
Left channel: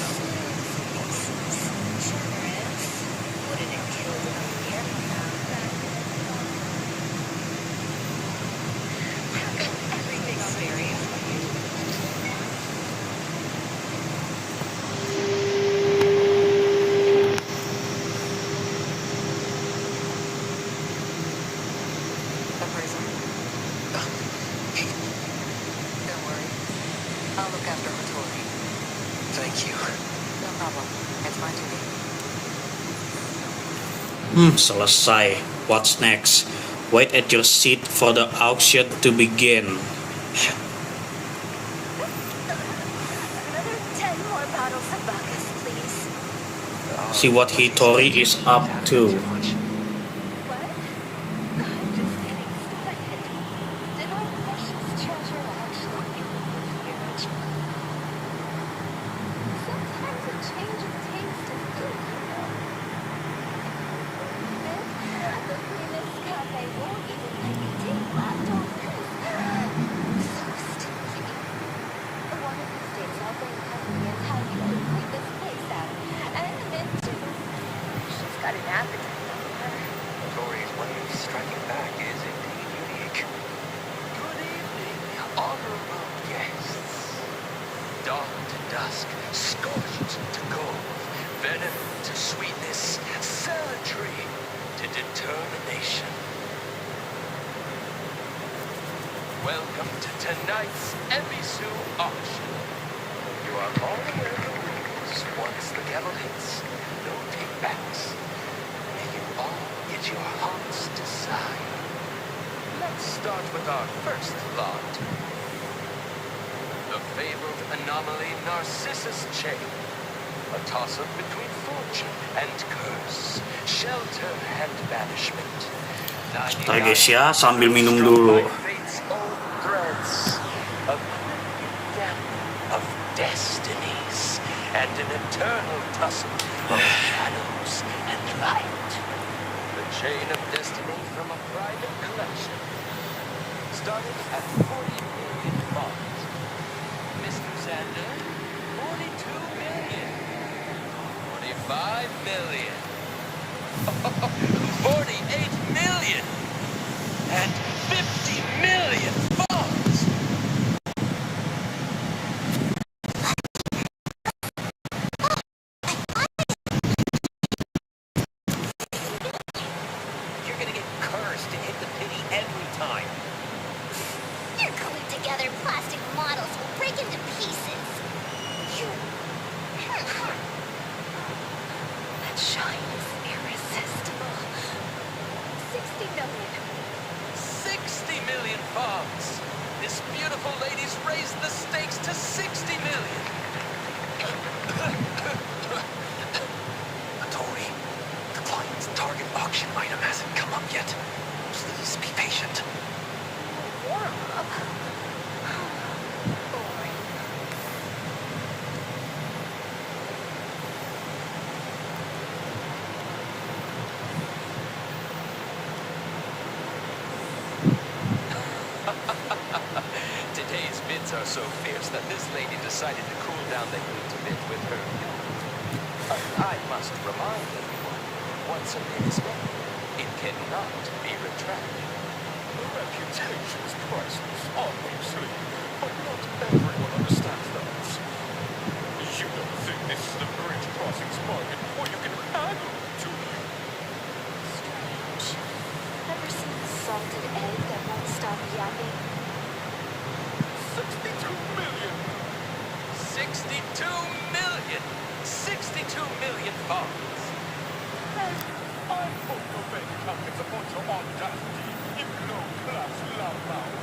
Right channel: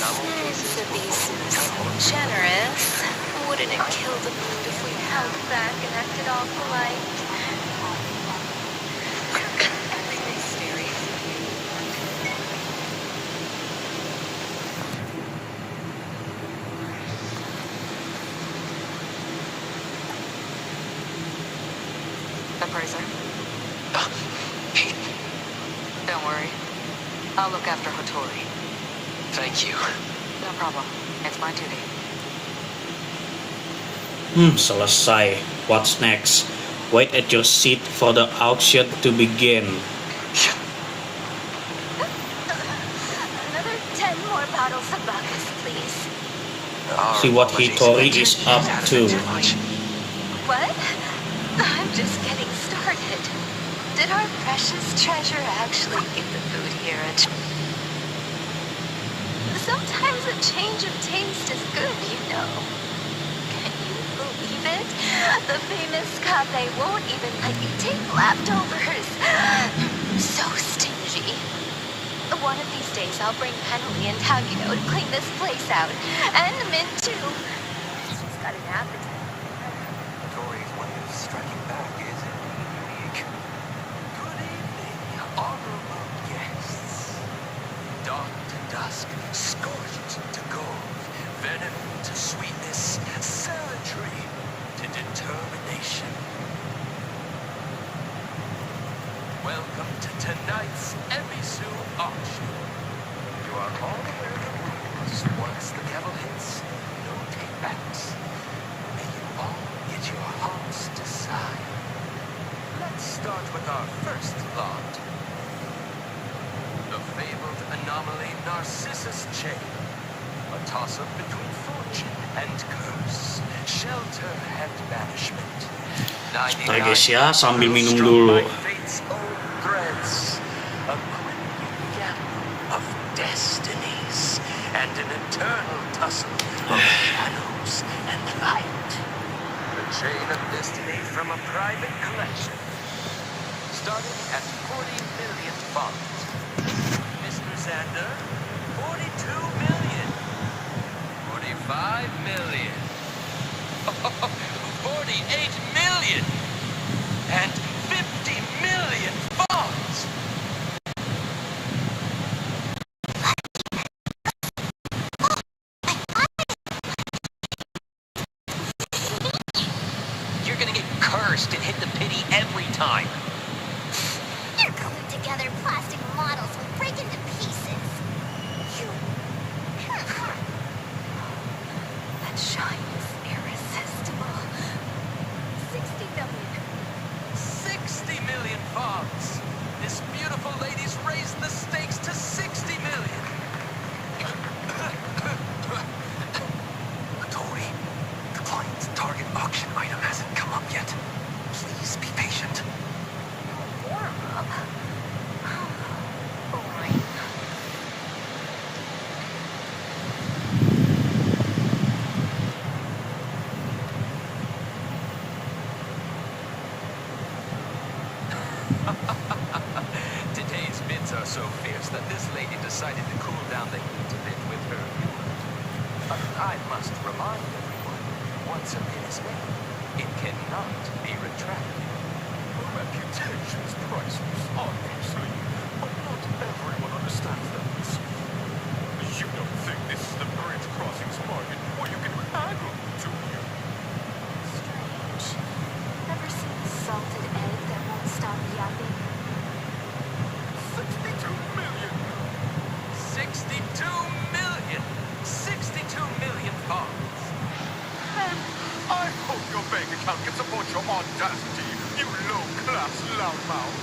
Since to be so generous, wouldn't it kill the mood if we held back and acted all polite? Everything's serious. Appraiser? Hey, Don't worry. I'll look after Hattori. thank you. No problem. It's my duty. Selesai. What's next? Wait at your seat for the auction to begin. Another 10 more bottles of Bacchus, please. See what Hattori is up to. Too much. What? I'm just getting started. Did our precious treasure actually give the food here a Sometimes a change of taste is good, you know. Can you believe it? The famous cafe won't even let you take leftovers. So stingy. One of these days I'll bring Penley and Tagino to clean this place out. And Min too. She's got an appetite. Tori's way of striking back is indeed unique. Good evening, honorable guests. Dawn to dusk, scorched to gold, venom to sweetness, savagery to determination. Welcome to tonight's Ebisu auction. You are all aware of the rules. Once the gavel hits, no take-backs. May you all get your heart's desire. Let's start with our first lot. The fabled anomaly Narcissus chain. A toss-up between fortune and curse. Shelter and banishment. Ntar guys ya, sambil minum dulu. Fate's own threads. A crippling gamble of destinies. And an eternal tussle of shadows and light. The chain of destiny from a private collection. Starting at 40 million bonds. Mr. Xander, 42 million. 45 million. 48 million. And 50 million bonds. You're gonna get cursed and hit the pity every time. Your glued together plastic models will break into pieces. You... That shine is irresistible. 60 million. 60 million bonds. This beautiful lady's raised the stakes to 60 million. Tori, the client's target auction item hasn't come up yet. Please be patient. Warm up. Boring. Today's bids are so fierce that this lady decided to cool down the heat a bit with her humor. But I must remind everyone, once a bid is made, it cannot be retracted. A reputation is priceless, obviously, but not everyone understands that. You don't think this is the bridge crossings market where you can haggle, do you? Strange. Ever seen a salted egg that won't stop yapping? 62 million! 62 million! 62 million bonds! And I hope your bank account can support your audacity, you low-class loudmouth.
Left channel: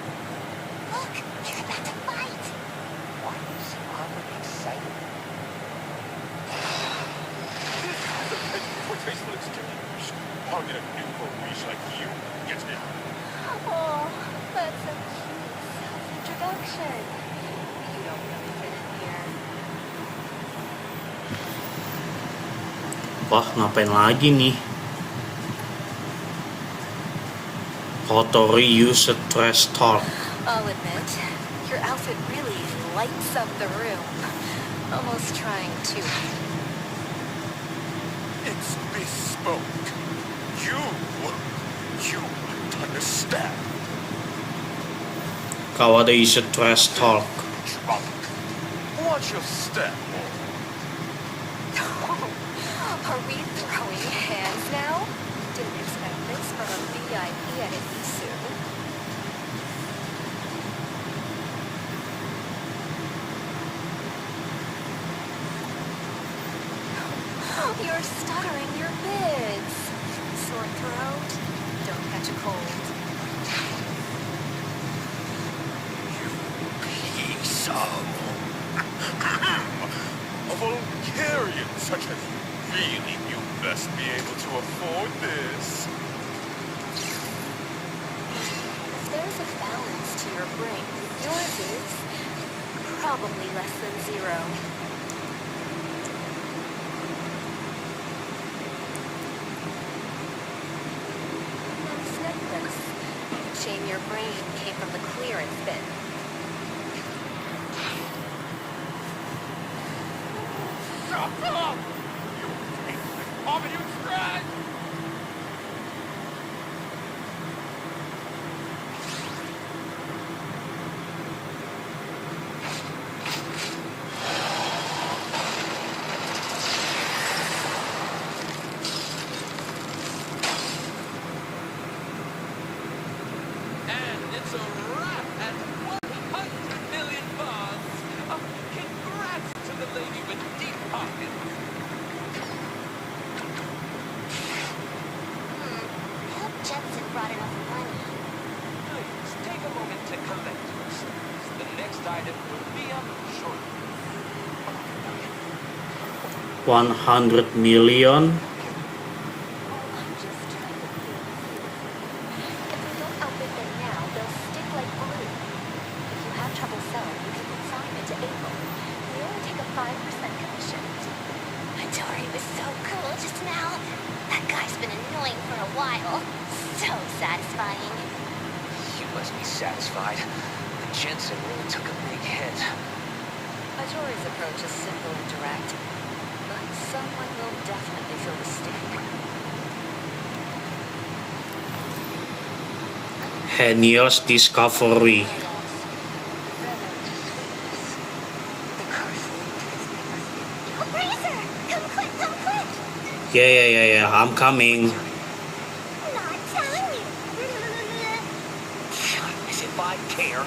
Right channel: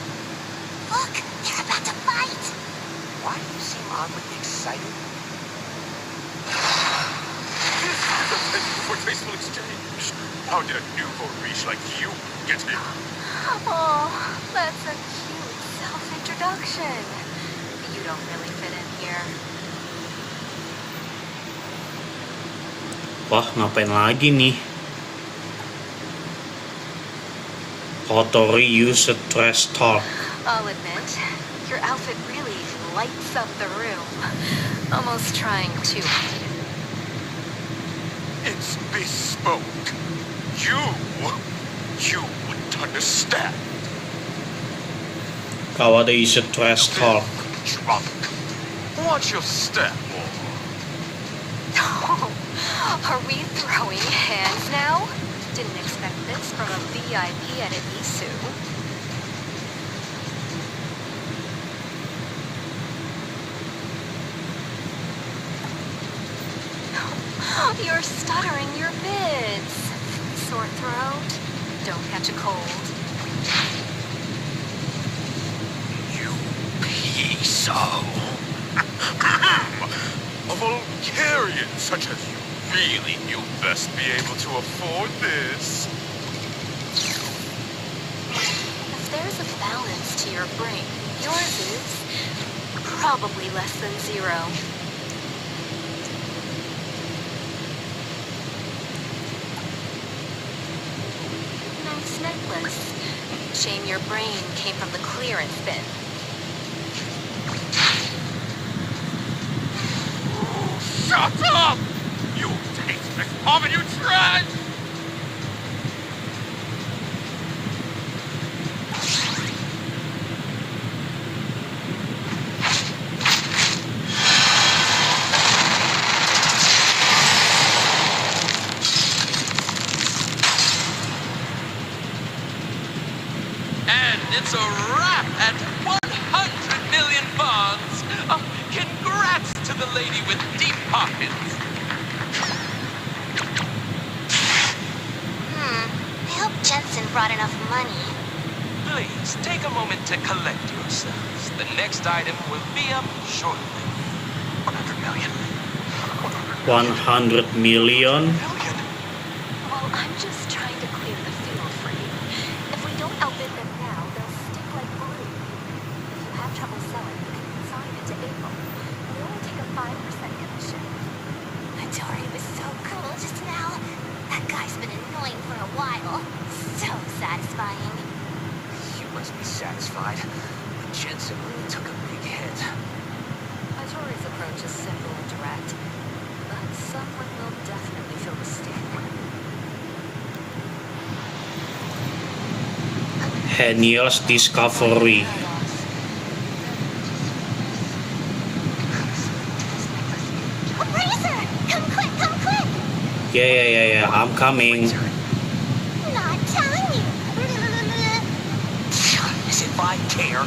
Look, they're about to fight. Why do you seem oddly excited? This is a venue for tasteful exchange. How did a nouveau riche like you get in? Oh, that's a cute self-introduction. You don't really fit in here. Wah, ngapain lagi nih? Kotori use a trash talk. I'll admit, your outfit really lights up the room. Almost trying to. It's bespoke. You wouldn't understand. Kawada use a trash talk. Drunk. Watch your step, more. Are we throwing hands now? Didn't expect this from a VIP at an Isu. You're stuttering your bids. Sore throat? Don't catch a cold. You piece of... A Vulgarian such as you really knew best be able to afford this. If there's a balance to your brain, yours is probably less than 0. Nice necklace. Shame your brain came from the clearance bin. Shut up! You tasteless vomit, you trash! And it's a wrap at 100 million bonds. Congrats lady with deep pockets. I hope Jensen brought enough money. Please, take a moment to collect yourselves. The next item will be up shortly. 100 million. 100 million. Well, I'm just trying to clear the field for you. If we don't outbid them now, they'll stick like glue. If you have trouble selling, you can consign it to April. We only take a 5% commission. Tori was so cool just now. That guy's been annoying for a while. So satisfying. You must be satisfied. But Jensen really took a big hit. Tori's approach is simple and direct, but someone will definitely feel the sting. Haniel's Discovery. Razor! Come quick, come quick! Yeah, I'm coming. Not telling you. As if I care.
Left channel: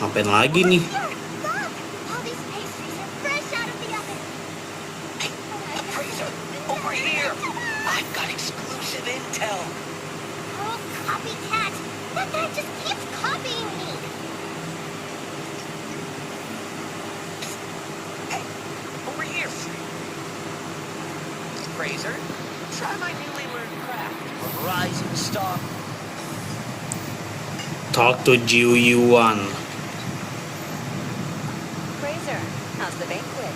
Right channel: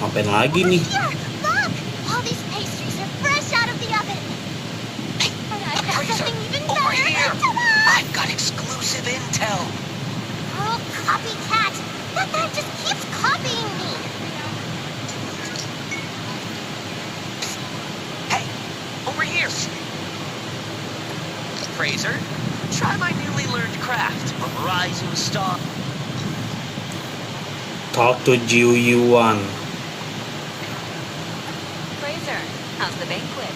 Ngapain lagi nih? Here, look! All these pastries are fresh out of the oven. Hey, And I've got Razor, something even over better. here! Come on! I've got exclusive intel. Oh, copycat! That guy just keeps copying me. Hey, over here. Fraser, try my newly learned craft of rising star. Talk to Jiu Yuan. Fraser, how's the banquet?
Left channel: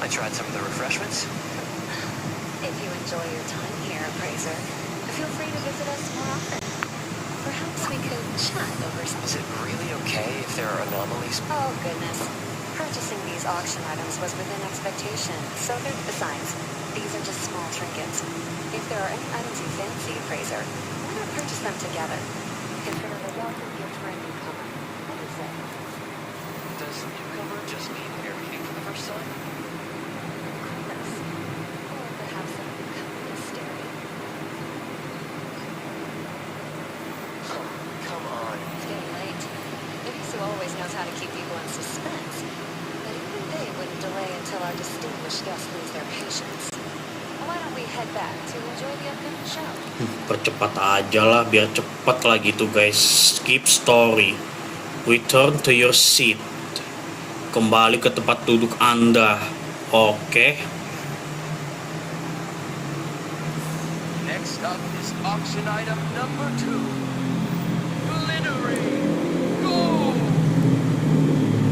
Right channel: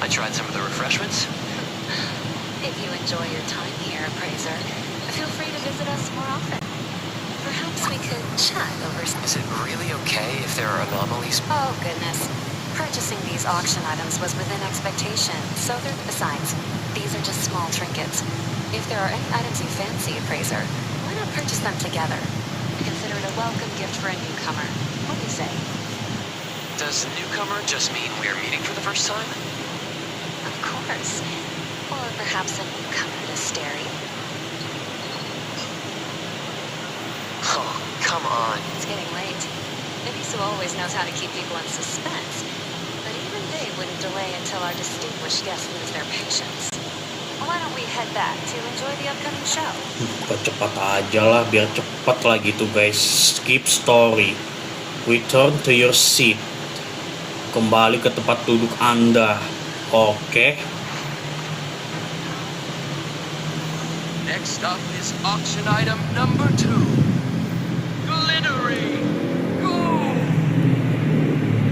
I tried some of the refreshments. If you enjoy your time here, Fraser, feel free to visit us more often. Perhaps we could chat over some... Is it really okay if there are anomalies? Oh, goodness. Purchasing these auction items was within expectation, so they're... Besides, these are just small trinkets. If there are any items you fancy, Fraser, why not purchase them together? Consider it a welcome gift for a newcomer. What do you say? Does newcomer just mean we're meeting for the first time? Of course. Or perhaps a newcomer to Stary. Oh, come on. It's getting late. Ibisu always knows how to keep people in suspense, but even they wouldn't delay until our distinguished guests lose their patience. Why don't we head back to enjoy the upcoming show? Cepat aja lah, biar cepet lah gitu guys. Skip story. Return to your seat. Kembali ke tempat duduk Anda. Oke. Next up is auction item number 2. Glittery gold.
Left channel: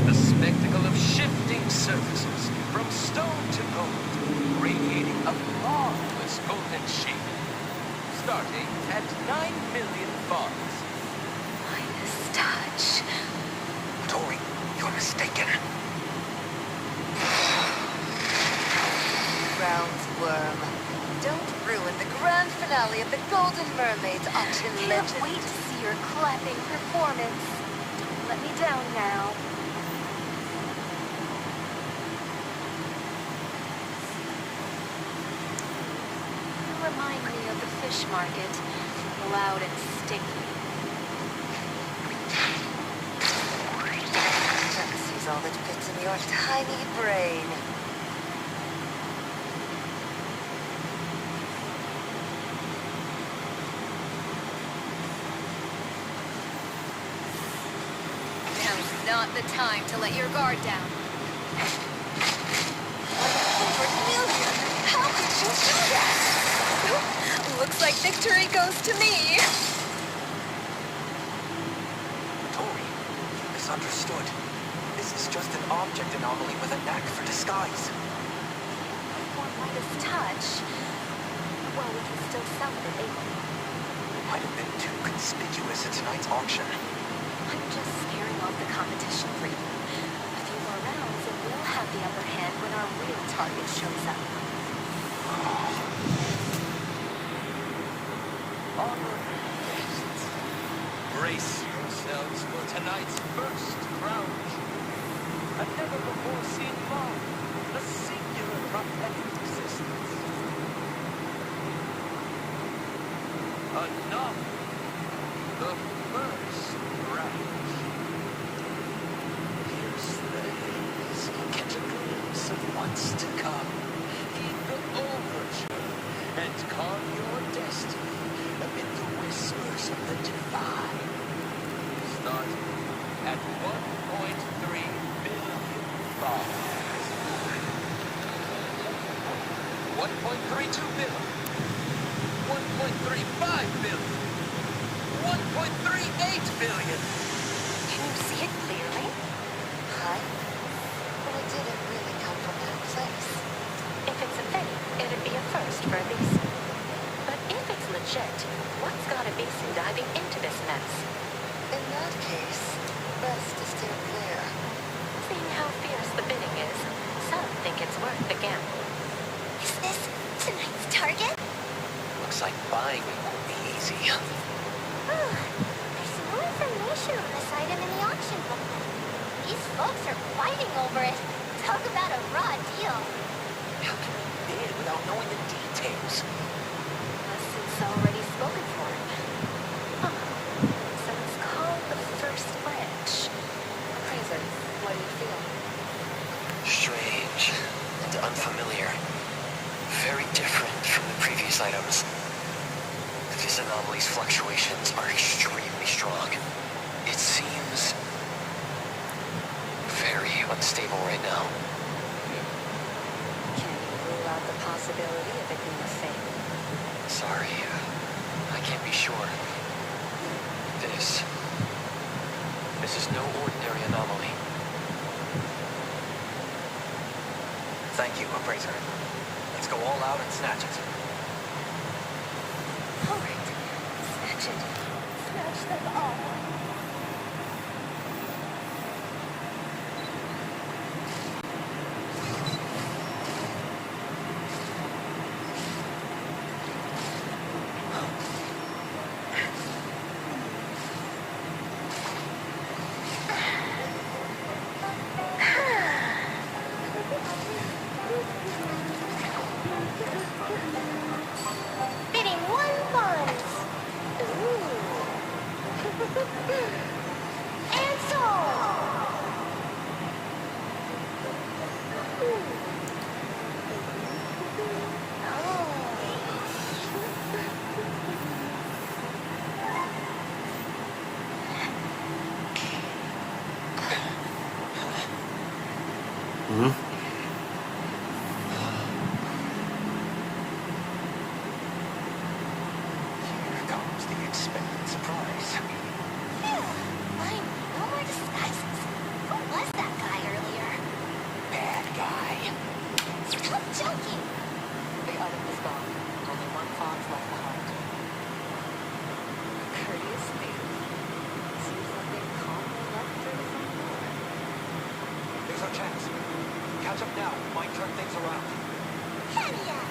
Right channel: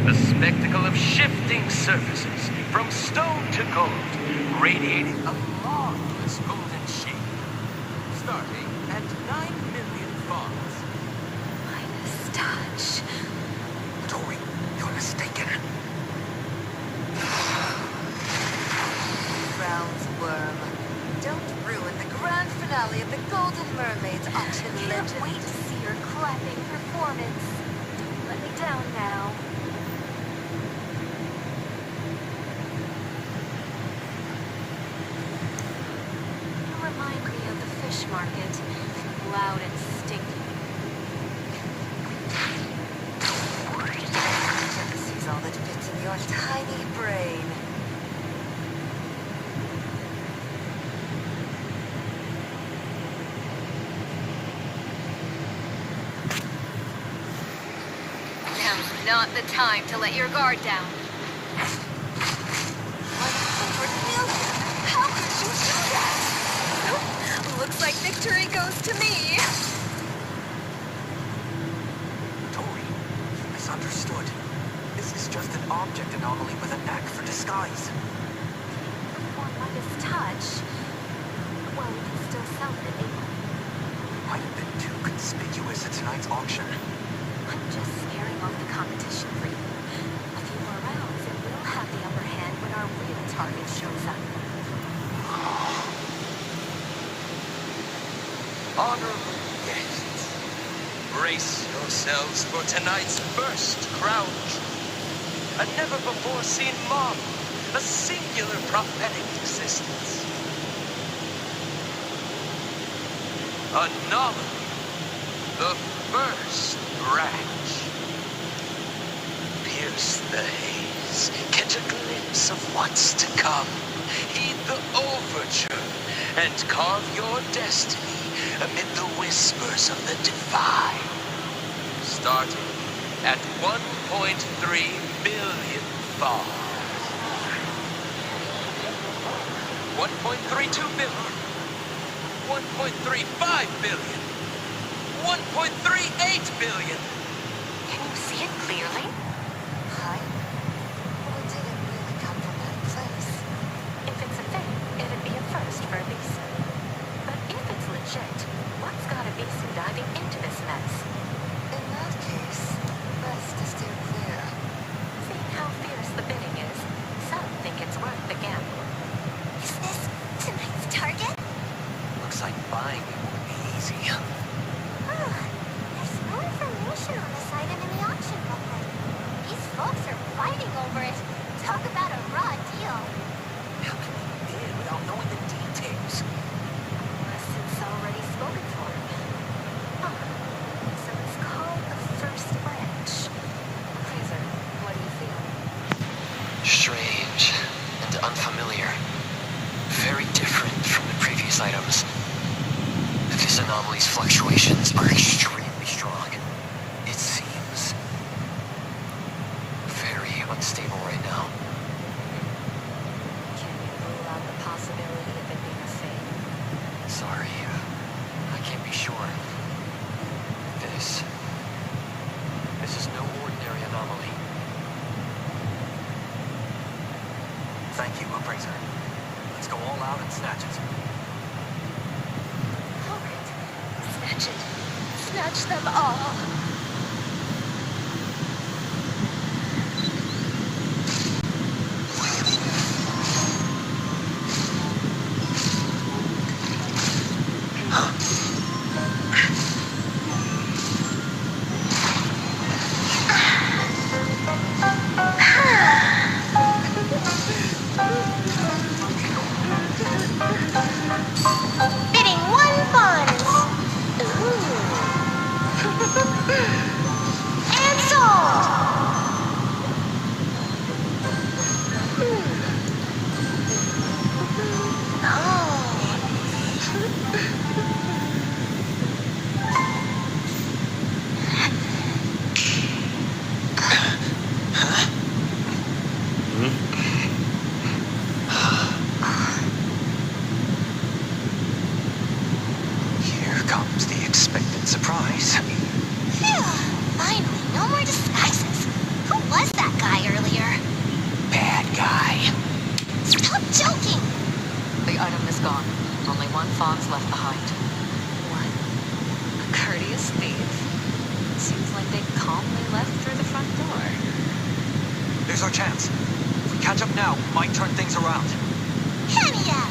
The spectacle of shifting surfaces from stone to gold, radiating a marvelous golden sheen. Starting at 9 million fonts. Midas touch. Tori, you're mistaken. Rounds worm. Don't ruin the grand finale of the Golden Mermaid's auction Can't legend. wait to see your clapping performance. Don't let me down now. You remind me of the fish market, loud and stinky. Sees all that fits in your tiny brain. Now's not the time to let your guard down. 100 million? How could you do that? Looks like victory goes to me. Tori, you misunderstood. This is just an object anomaly with a knack for disguise. Before Midas touch, well, we can still sell it at April. Might have been too conspicuous at tonight's auction. I'm just scaring off the competition for you. A few more rounds and we'll have the upper hand when our real target shows up. Honorable guests, brace yourselves for tonight's first crown jewel. A never-before-seen marvel a singular prophetic existence. Anomaly, the first branch. Pierce the haze, catch a glimpse of what's to come. Heed the overture and carve your destiny Amid the whispers of the divine. starting at 1.3 billion stars. 1.32 billion. 1.35 billion. 1.38 billion. Can you see it clearly? Hi? Well, it didn't really come from that place. If it's a fake, it'd be a first for a Bisu. But if it's legit, what's got a Bisu diving into this mess? In that case, best to steer clear. Seeing how fierce the bidding is, some think it's worth the gamble. Is this tonight's target? Looks like buying it won't be easy. There's no information on this item in the auction booklet. These folks are fighting over it. Talk about a raw deal. How can we bid without knowing the details? Unless it's already spoken for. Huh. So it's called the First Branch. Fraser, what do you feel? Strange and unfamiliar. Very different from the previous items. This anomaly's fluctuations are extremely strong. It seems very unstable right now. Can you rule out the possibility of it being a fake? Sorry, I can't be sure. This is no ordinary anomaly. Thank you, Appraiser. Let's go all out and snatch it. All right. Snatch it. Snatch them all. Bidding 1 funds. Ooh. And sold. Here comes the expected surprise. Phew. Finally, no more disguises. Who was that guy earlier? Bad guy. Stop joking. The item is gone. Only 1 Fonz left behind. What? A courteous thief? Seems like they calmly left through the front door. Here's our chance. If we catch up now, we might turn things around. Hania.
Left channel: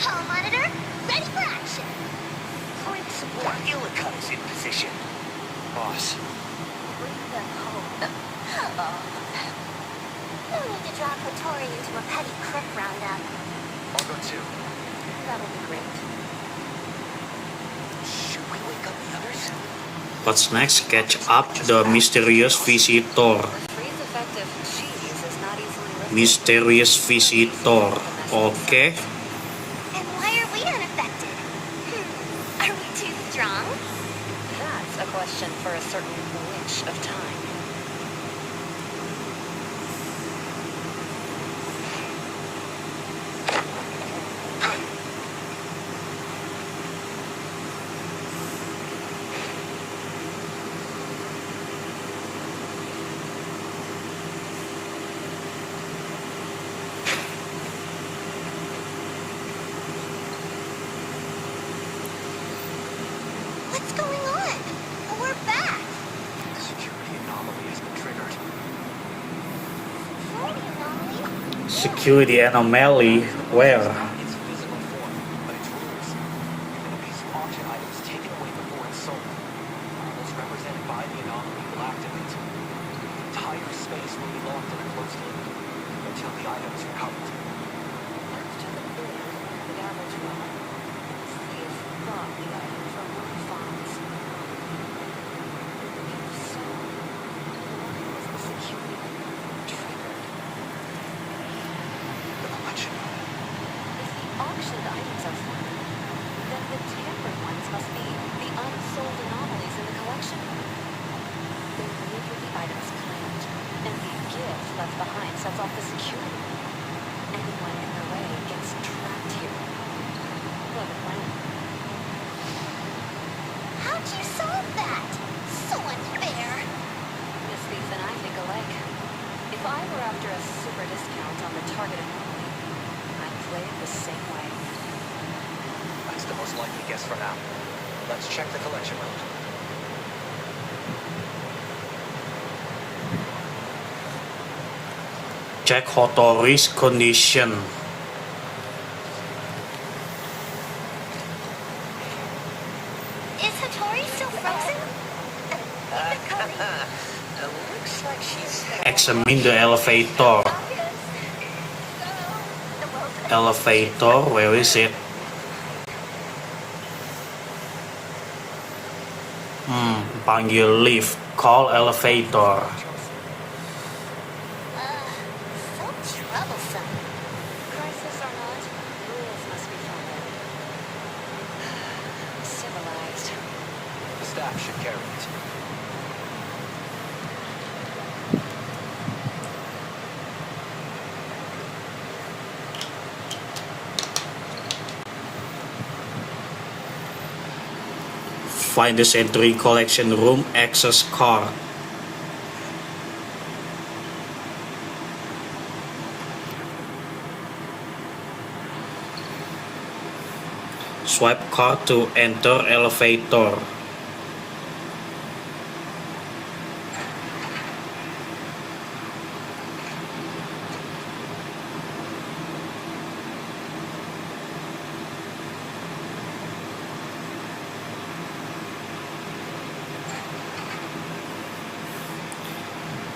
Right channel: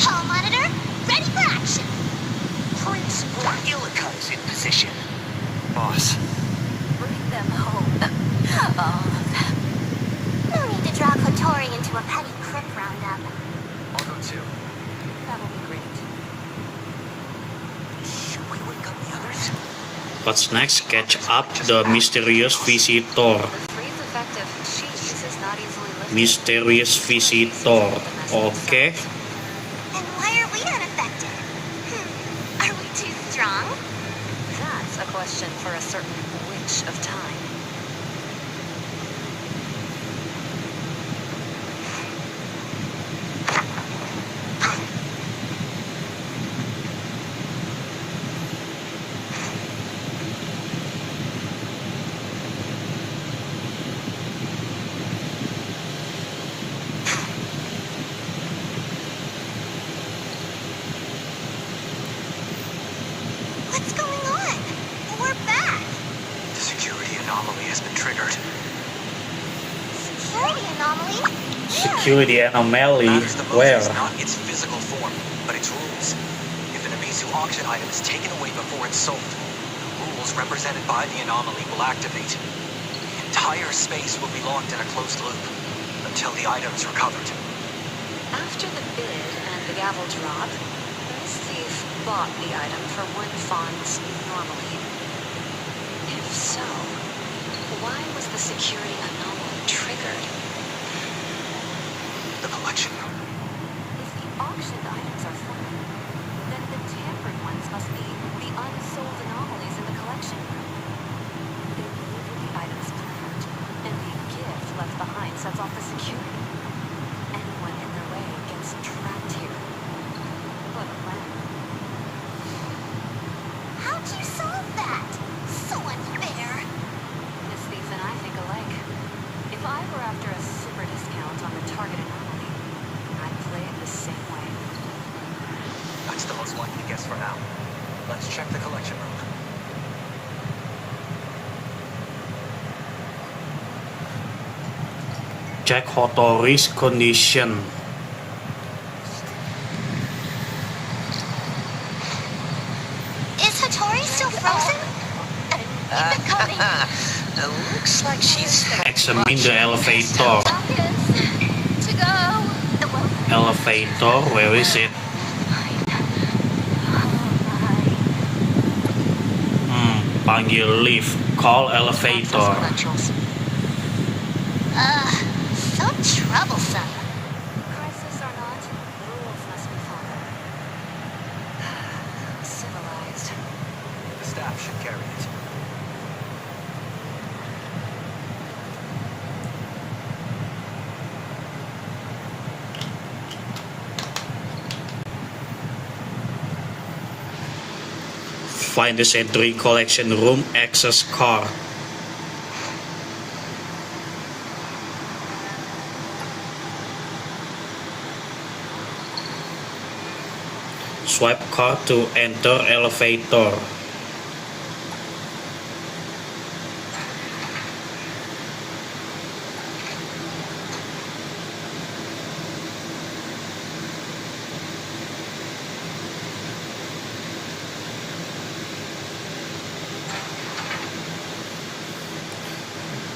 Hall monitor, ready for action. Principal Illica is in position. Boss, Bring them home. All of them. No need to draw Kotori into a petty crook roundup. I'll go too. That'll be great. Should we wake up the others? What's next? Catch up the mysterious visitor. The freeze effect of cheese is not easily lifted. Mysterious visitor. Oke. And why are we unaffected? Are we too strong? That's a question for a certain witch of time. What's going on? We're back. The security anomaly has been triggered. Security anomaly? Security anomaly. Matters the most Where? is not its physical form, but its rules. If an Abisu auction item is taken away before it's sold, rules represented by the anomaly will activate. The entire space will be locked in a closed loop. until the item's recovered. After the bid and the gavel drop, this thief bought the item for one funds normally. If so, why was the security anomaly triggered? The collection room. If the auctioned items are foreign, then the tampered ones must be the unsold anomalies in the collection room. They leave with the items planned, and the gift left behind sets off the security. Anyone in their way gets trapped here. Clever plan. How'd you solve that? So unfair. This thief and I think alike. If I were after a super discount on the target anomaly, I'd play it the same way. That's the most likely guess for now. Let's check the collection room. Check Hotori's condition. Is Hattori still frozen? Keep it coming. Looks like she's... Examine the elevator. To go. The welfare. Elevator, where is it? Panggil lift. Call elevator. So troublesome. Crisis or not, rules must be followed. Civilized. The staff should carry it. Find the Sentry collection room access card. Swipe card to enter elevator.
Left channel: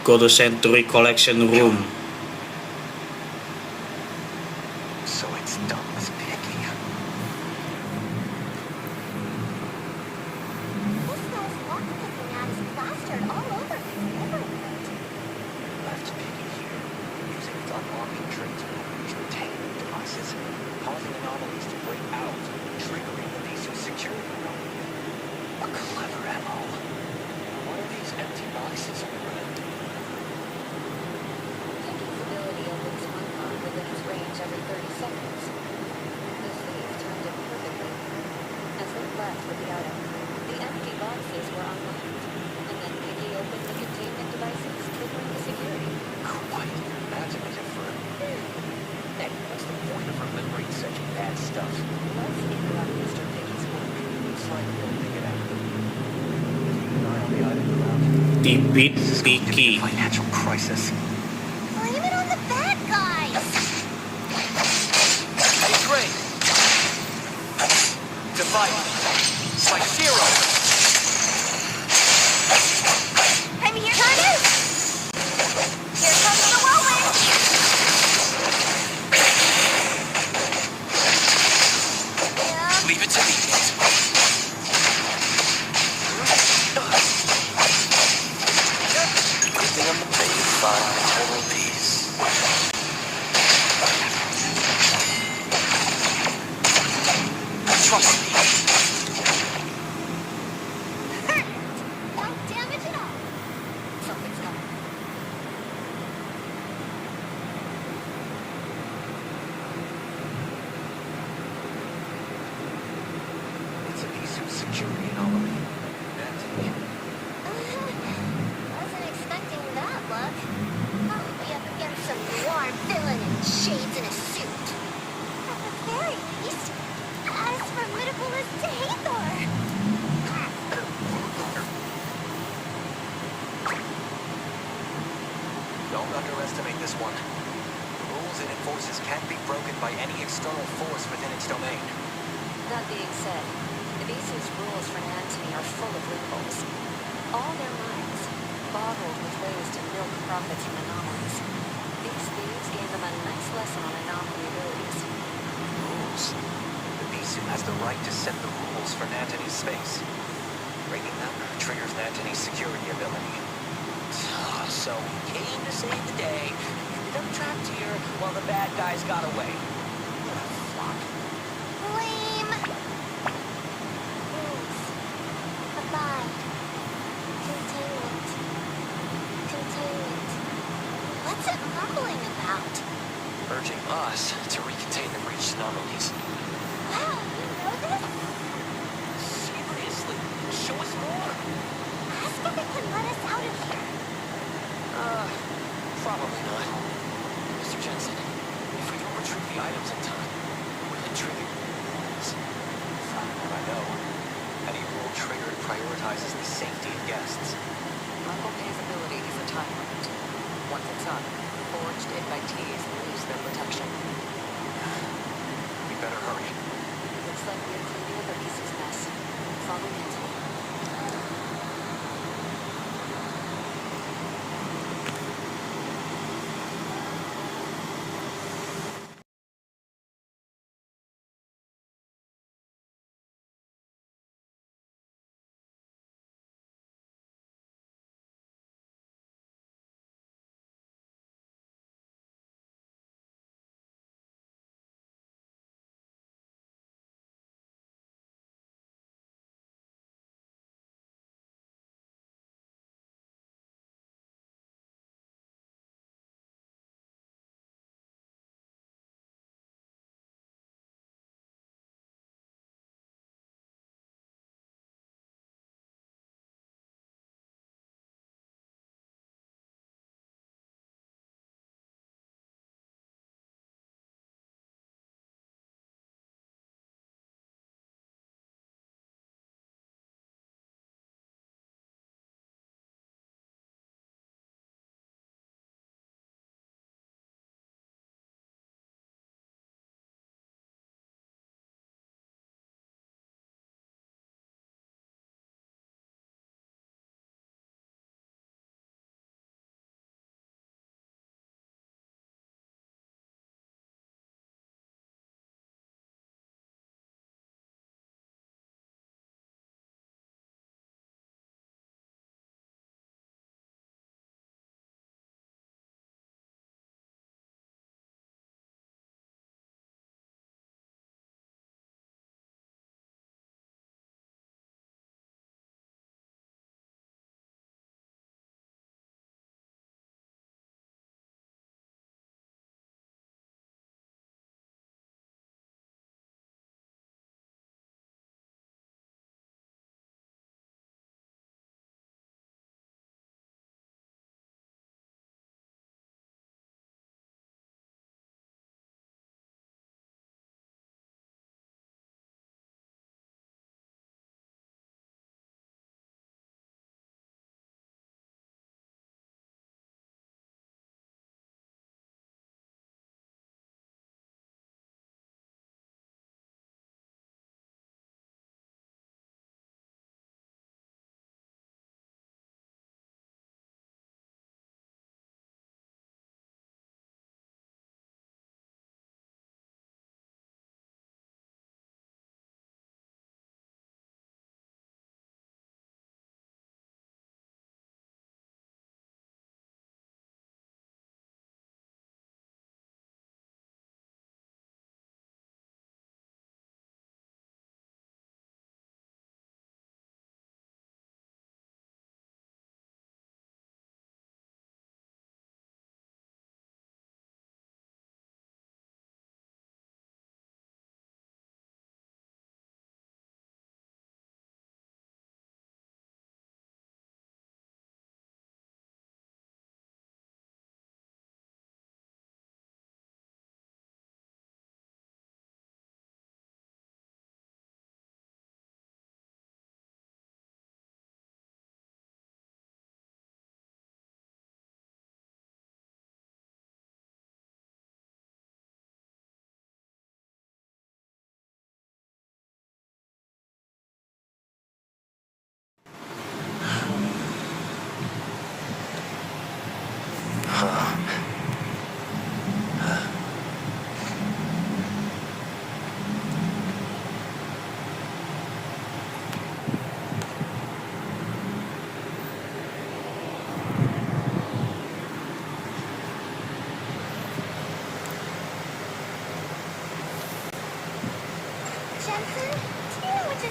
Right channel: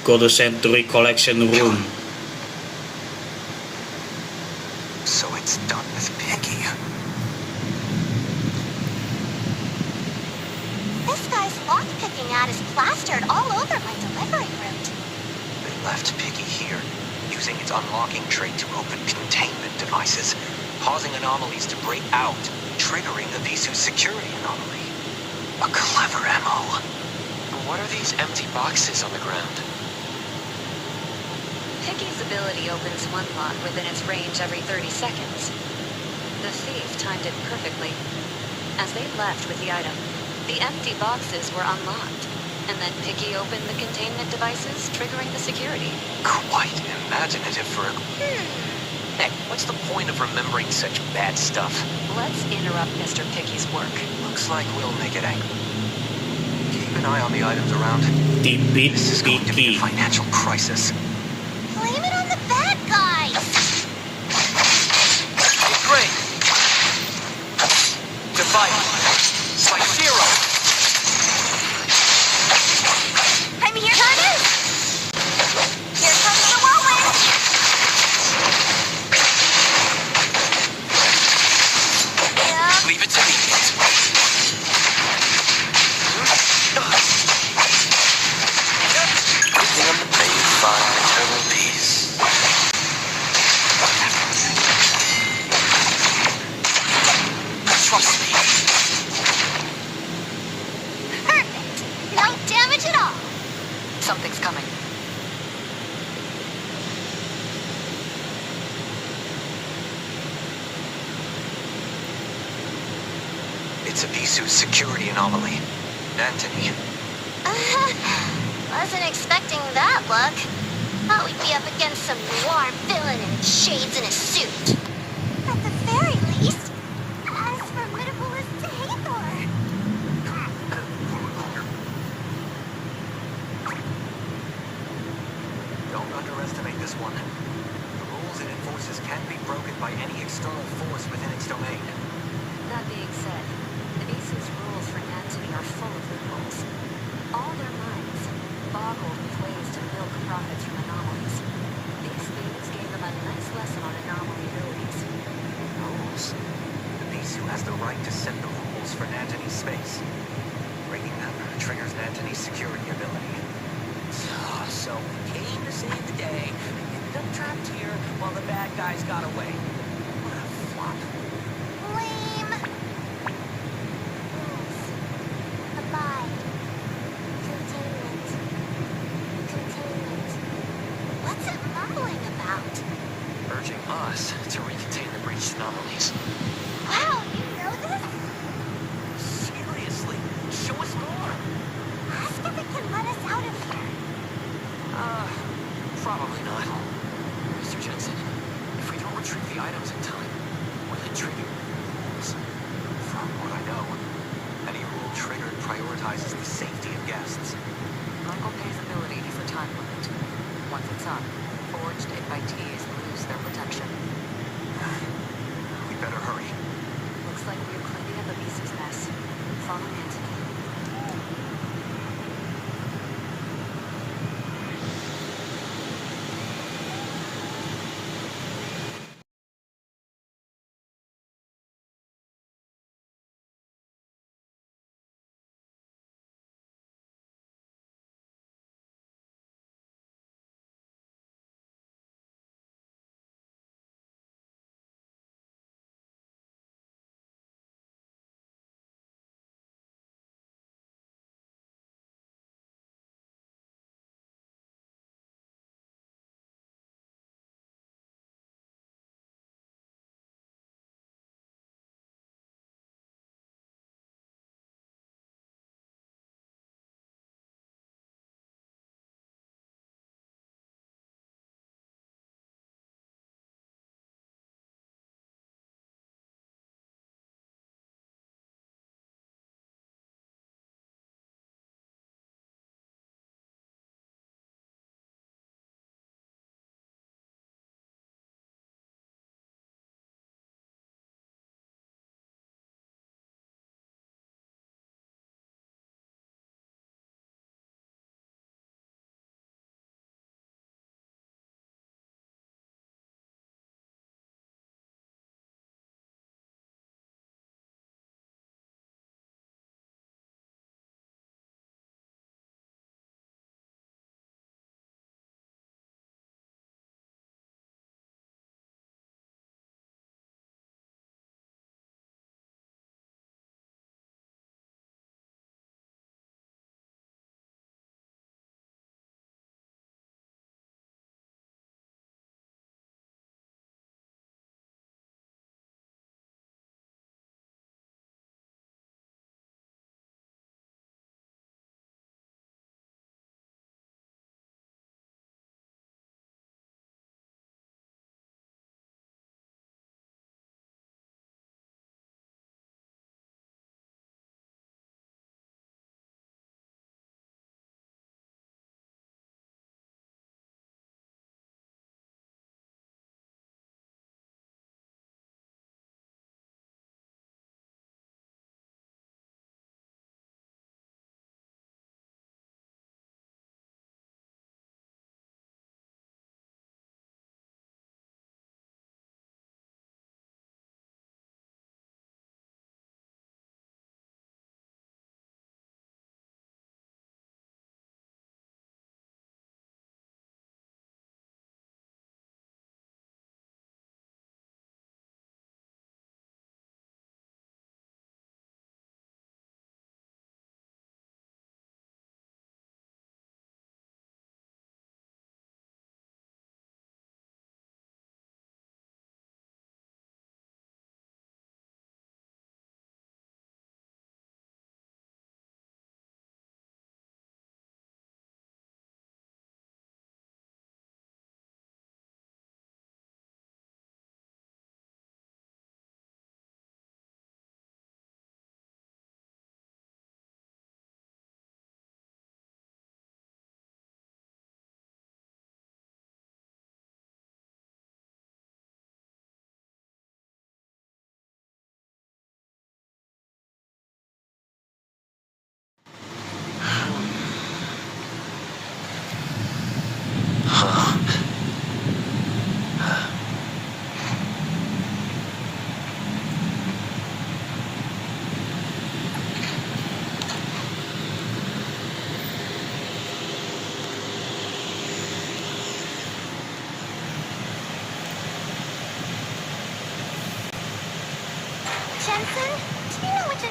Go to Sentry collection room. So it's done with Piggy. This guy's lockpicking ad is plastered all over my delivery route. They left Piggy here, using its unlocking trait to open containment devices, causing anomalies to break out, triggering the Visu's security anomaly. A clever MO. What are these empty boxes on the ground? Piggy's ability opens one lock within its range every 30 seconds. The thief timed it perfectly. As they left with the item, the empty boxes were unlocked, and then Piggy opened the containment devices, triggering the security. Quite imaginative for a... Heck, what's the point of remembering such bad stuff? Let's interrupt Mr. Piggy's work. Looks like we'll make it angry. Keep an eye on the items around. Defeat This is going to be Piggy. a financial crisis. Blame it on the bad guys. It's Ray. Divide. Like zero. I'm here. Turner! Here comes the whirlwind. Yeah. Leave it to me. Everything on the page, find eternal peace. Trust me. Perfect. No damage at all. Something's coming. It's a Visu's security anomaly. Anthony. Wasn't expecting that look. Thought we'd be up against some noir villain in shades and a suit. At the very least, as formidable as Hathor. Don't underestimate this one. The rules it enforces can't be broken by any external force within its domain. That being said, the Visu's rules for Antony are full of loopholes. All their minds boggled with ways to milk profits from anomalies. These thieves gave them a nice lesson on anomaly abilities. Rules? The Bisu has the right to set the rules for Nantony's space. Breaking them triggers Nantony's security ability. So we came to save the day, and ended up trapped here while the bad guys got away. What a flop. Lame. Rules. Abide. Containment. Containment. What's it mumbling about? Urging us to recontain the breached anomalies. Wow, you know this? Seriously, show us more. Ask if it can let us out of here. Probably not. Mr. Jensen, if we don't retrieve the items in time, will it trigger rules? From what I know, any rule triggered prioritizes the safety of guests. Michael Pay's ability has a time limit. Once it's up, forged invitees lose their protection. We better hurry. Looks like we're cleaning up Avisa's mess. Follow Antony.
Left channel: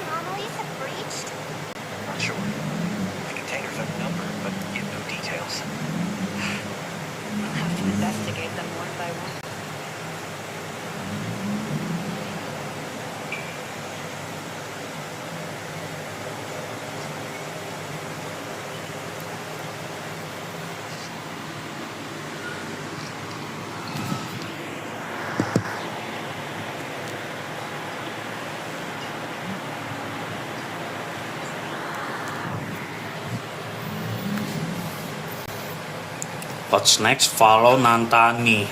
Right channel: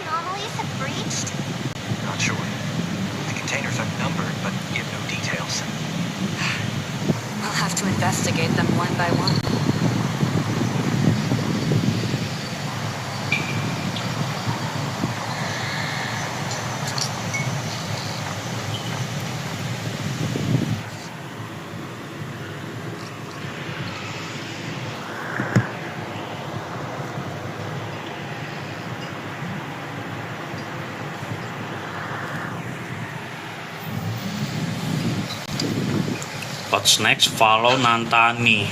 anomalies have breached? Not sure. The containers are numbered, but give no details. We'll have to investigate them one by one. What's next? Follow Nantani.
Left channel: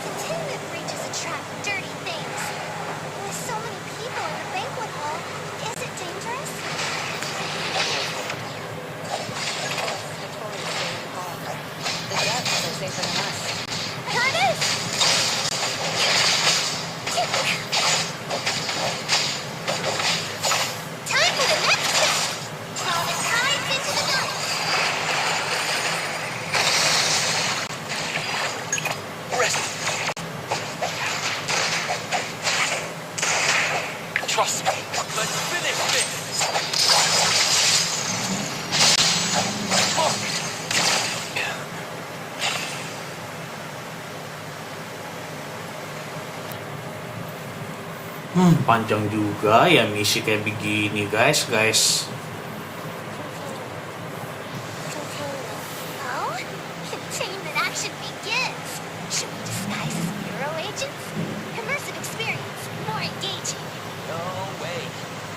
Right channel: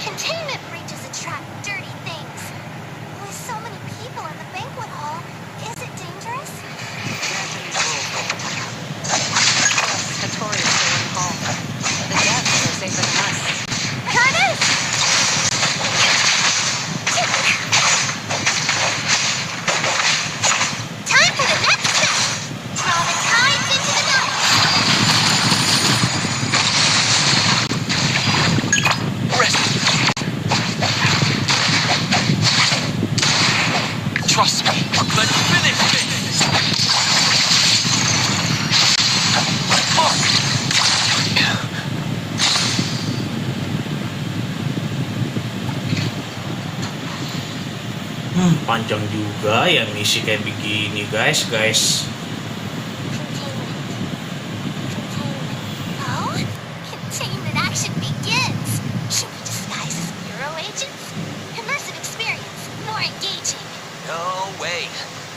Containment breaches attract dirty things. With so many people in the banquet hall, is it dangerous? Notoriously in hall. The deaths are safer than us. Curtis! Time for the next step! Draw the tides into the night! Trust me. Let's finish this. Panjang juga ya misi kayak begini guys. Oh? Containment action begins! Should we disguise as bureau agents? Immersive experience, more engaging. No way.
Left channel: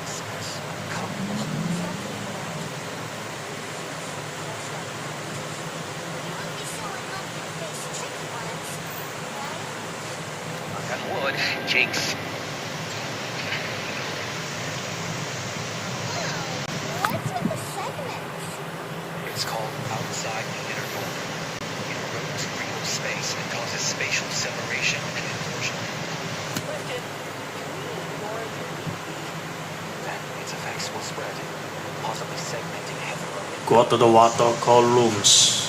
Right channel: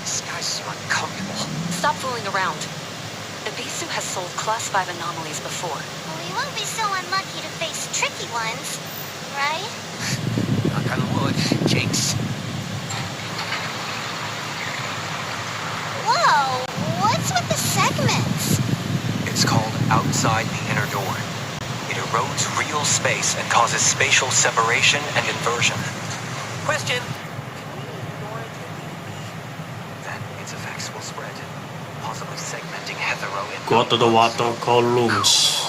This guy's so uncomfortable. Stop fooling around. Ibisu has sold Class 5 anomalies before. We won't be so unlucky to face tricky ones, right? Knock on wood. Jakes. Whoa! What's with the segments? It's called outside the inner door. It erodes real space and causes spatial separation and inversion. Question. Then its effects will spread, possibly segmenting hetero in Go to the water columns.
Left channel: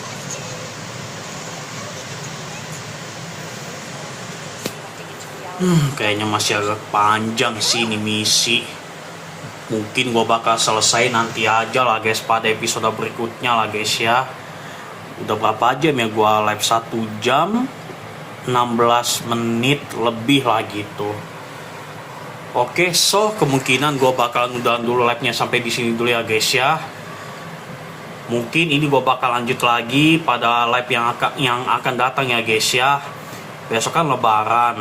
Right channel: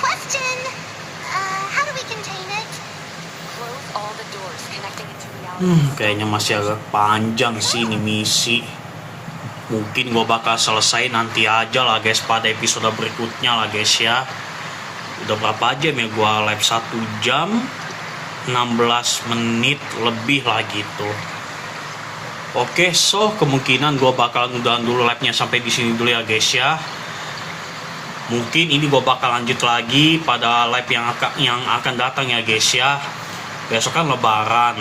Question! How do we contain it? Close all the doors connecting into reality. Kayaknya masih agak panjang sih ini misi. Mungkin gue bakal selesai nanti aja lah guys pada episode berikutnya lah guys ya. Udah berapa jam ya gue live 1 jam 16 menit lebih lah gitu. Oke, so kemungkinan gue bakal udahan dulu live-nya sampai di sini dulu ya guys ya. Mungkin ini gue bakal lanjut lagi pada live yang akan datang ya guys ya. Besok kan lebaran.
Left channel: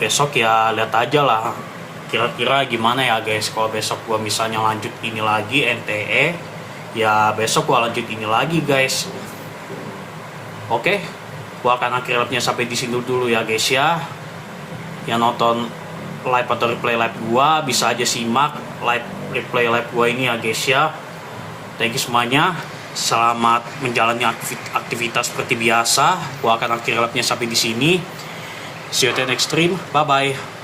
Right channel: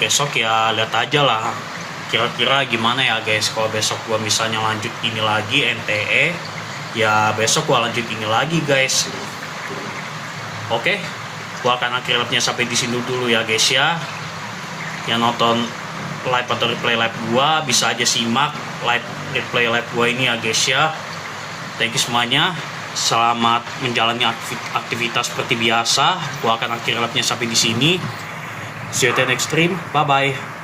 Besok ya lihat aja lah kira-kira gimana ya guys. Kalau besok gue misalnya lanjut ini lagi NTE, ya besok gue lanjut ini lagi guys. Oke, gue akan akhir live-nya sampai di sini dulu ya guys ya. Yang nonton live atau replay live gue bisa aja simak replay live gue ini ya guys ya. Thank you semuanya. Selamat menjalani aktivitas seperti biasa. Gue akan akhir live-nya sampai di sini. See you at the next stream. Bye bye.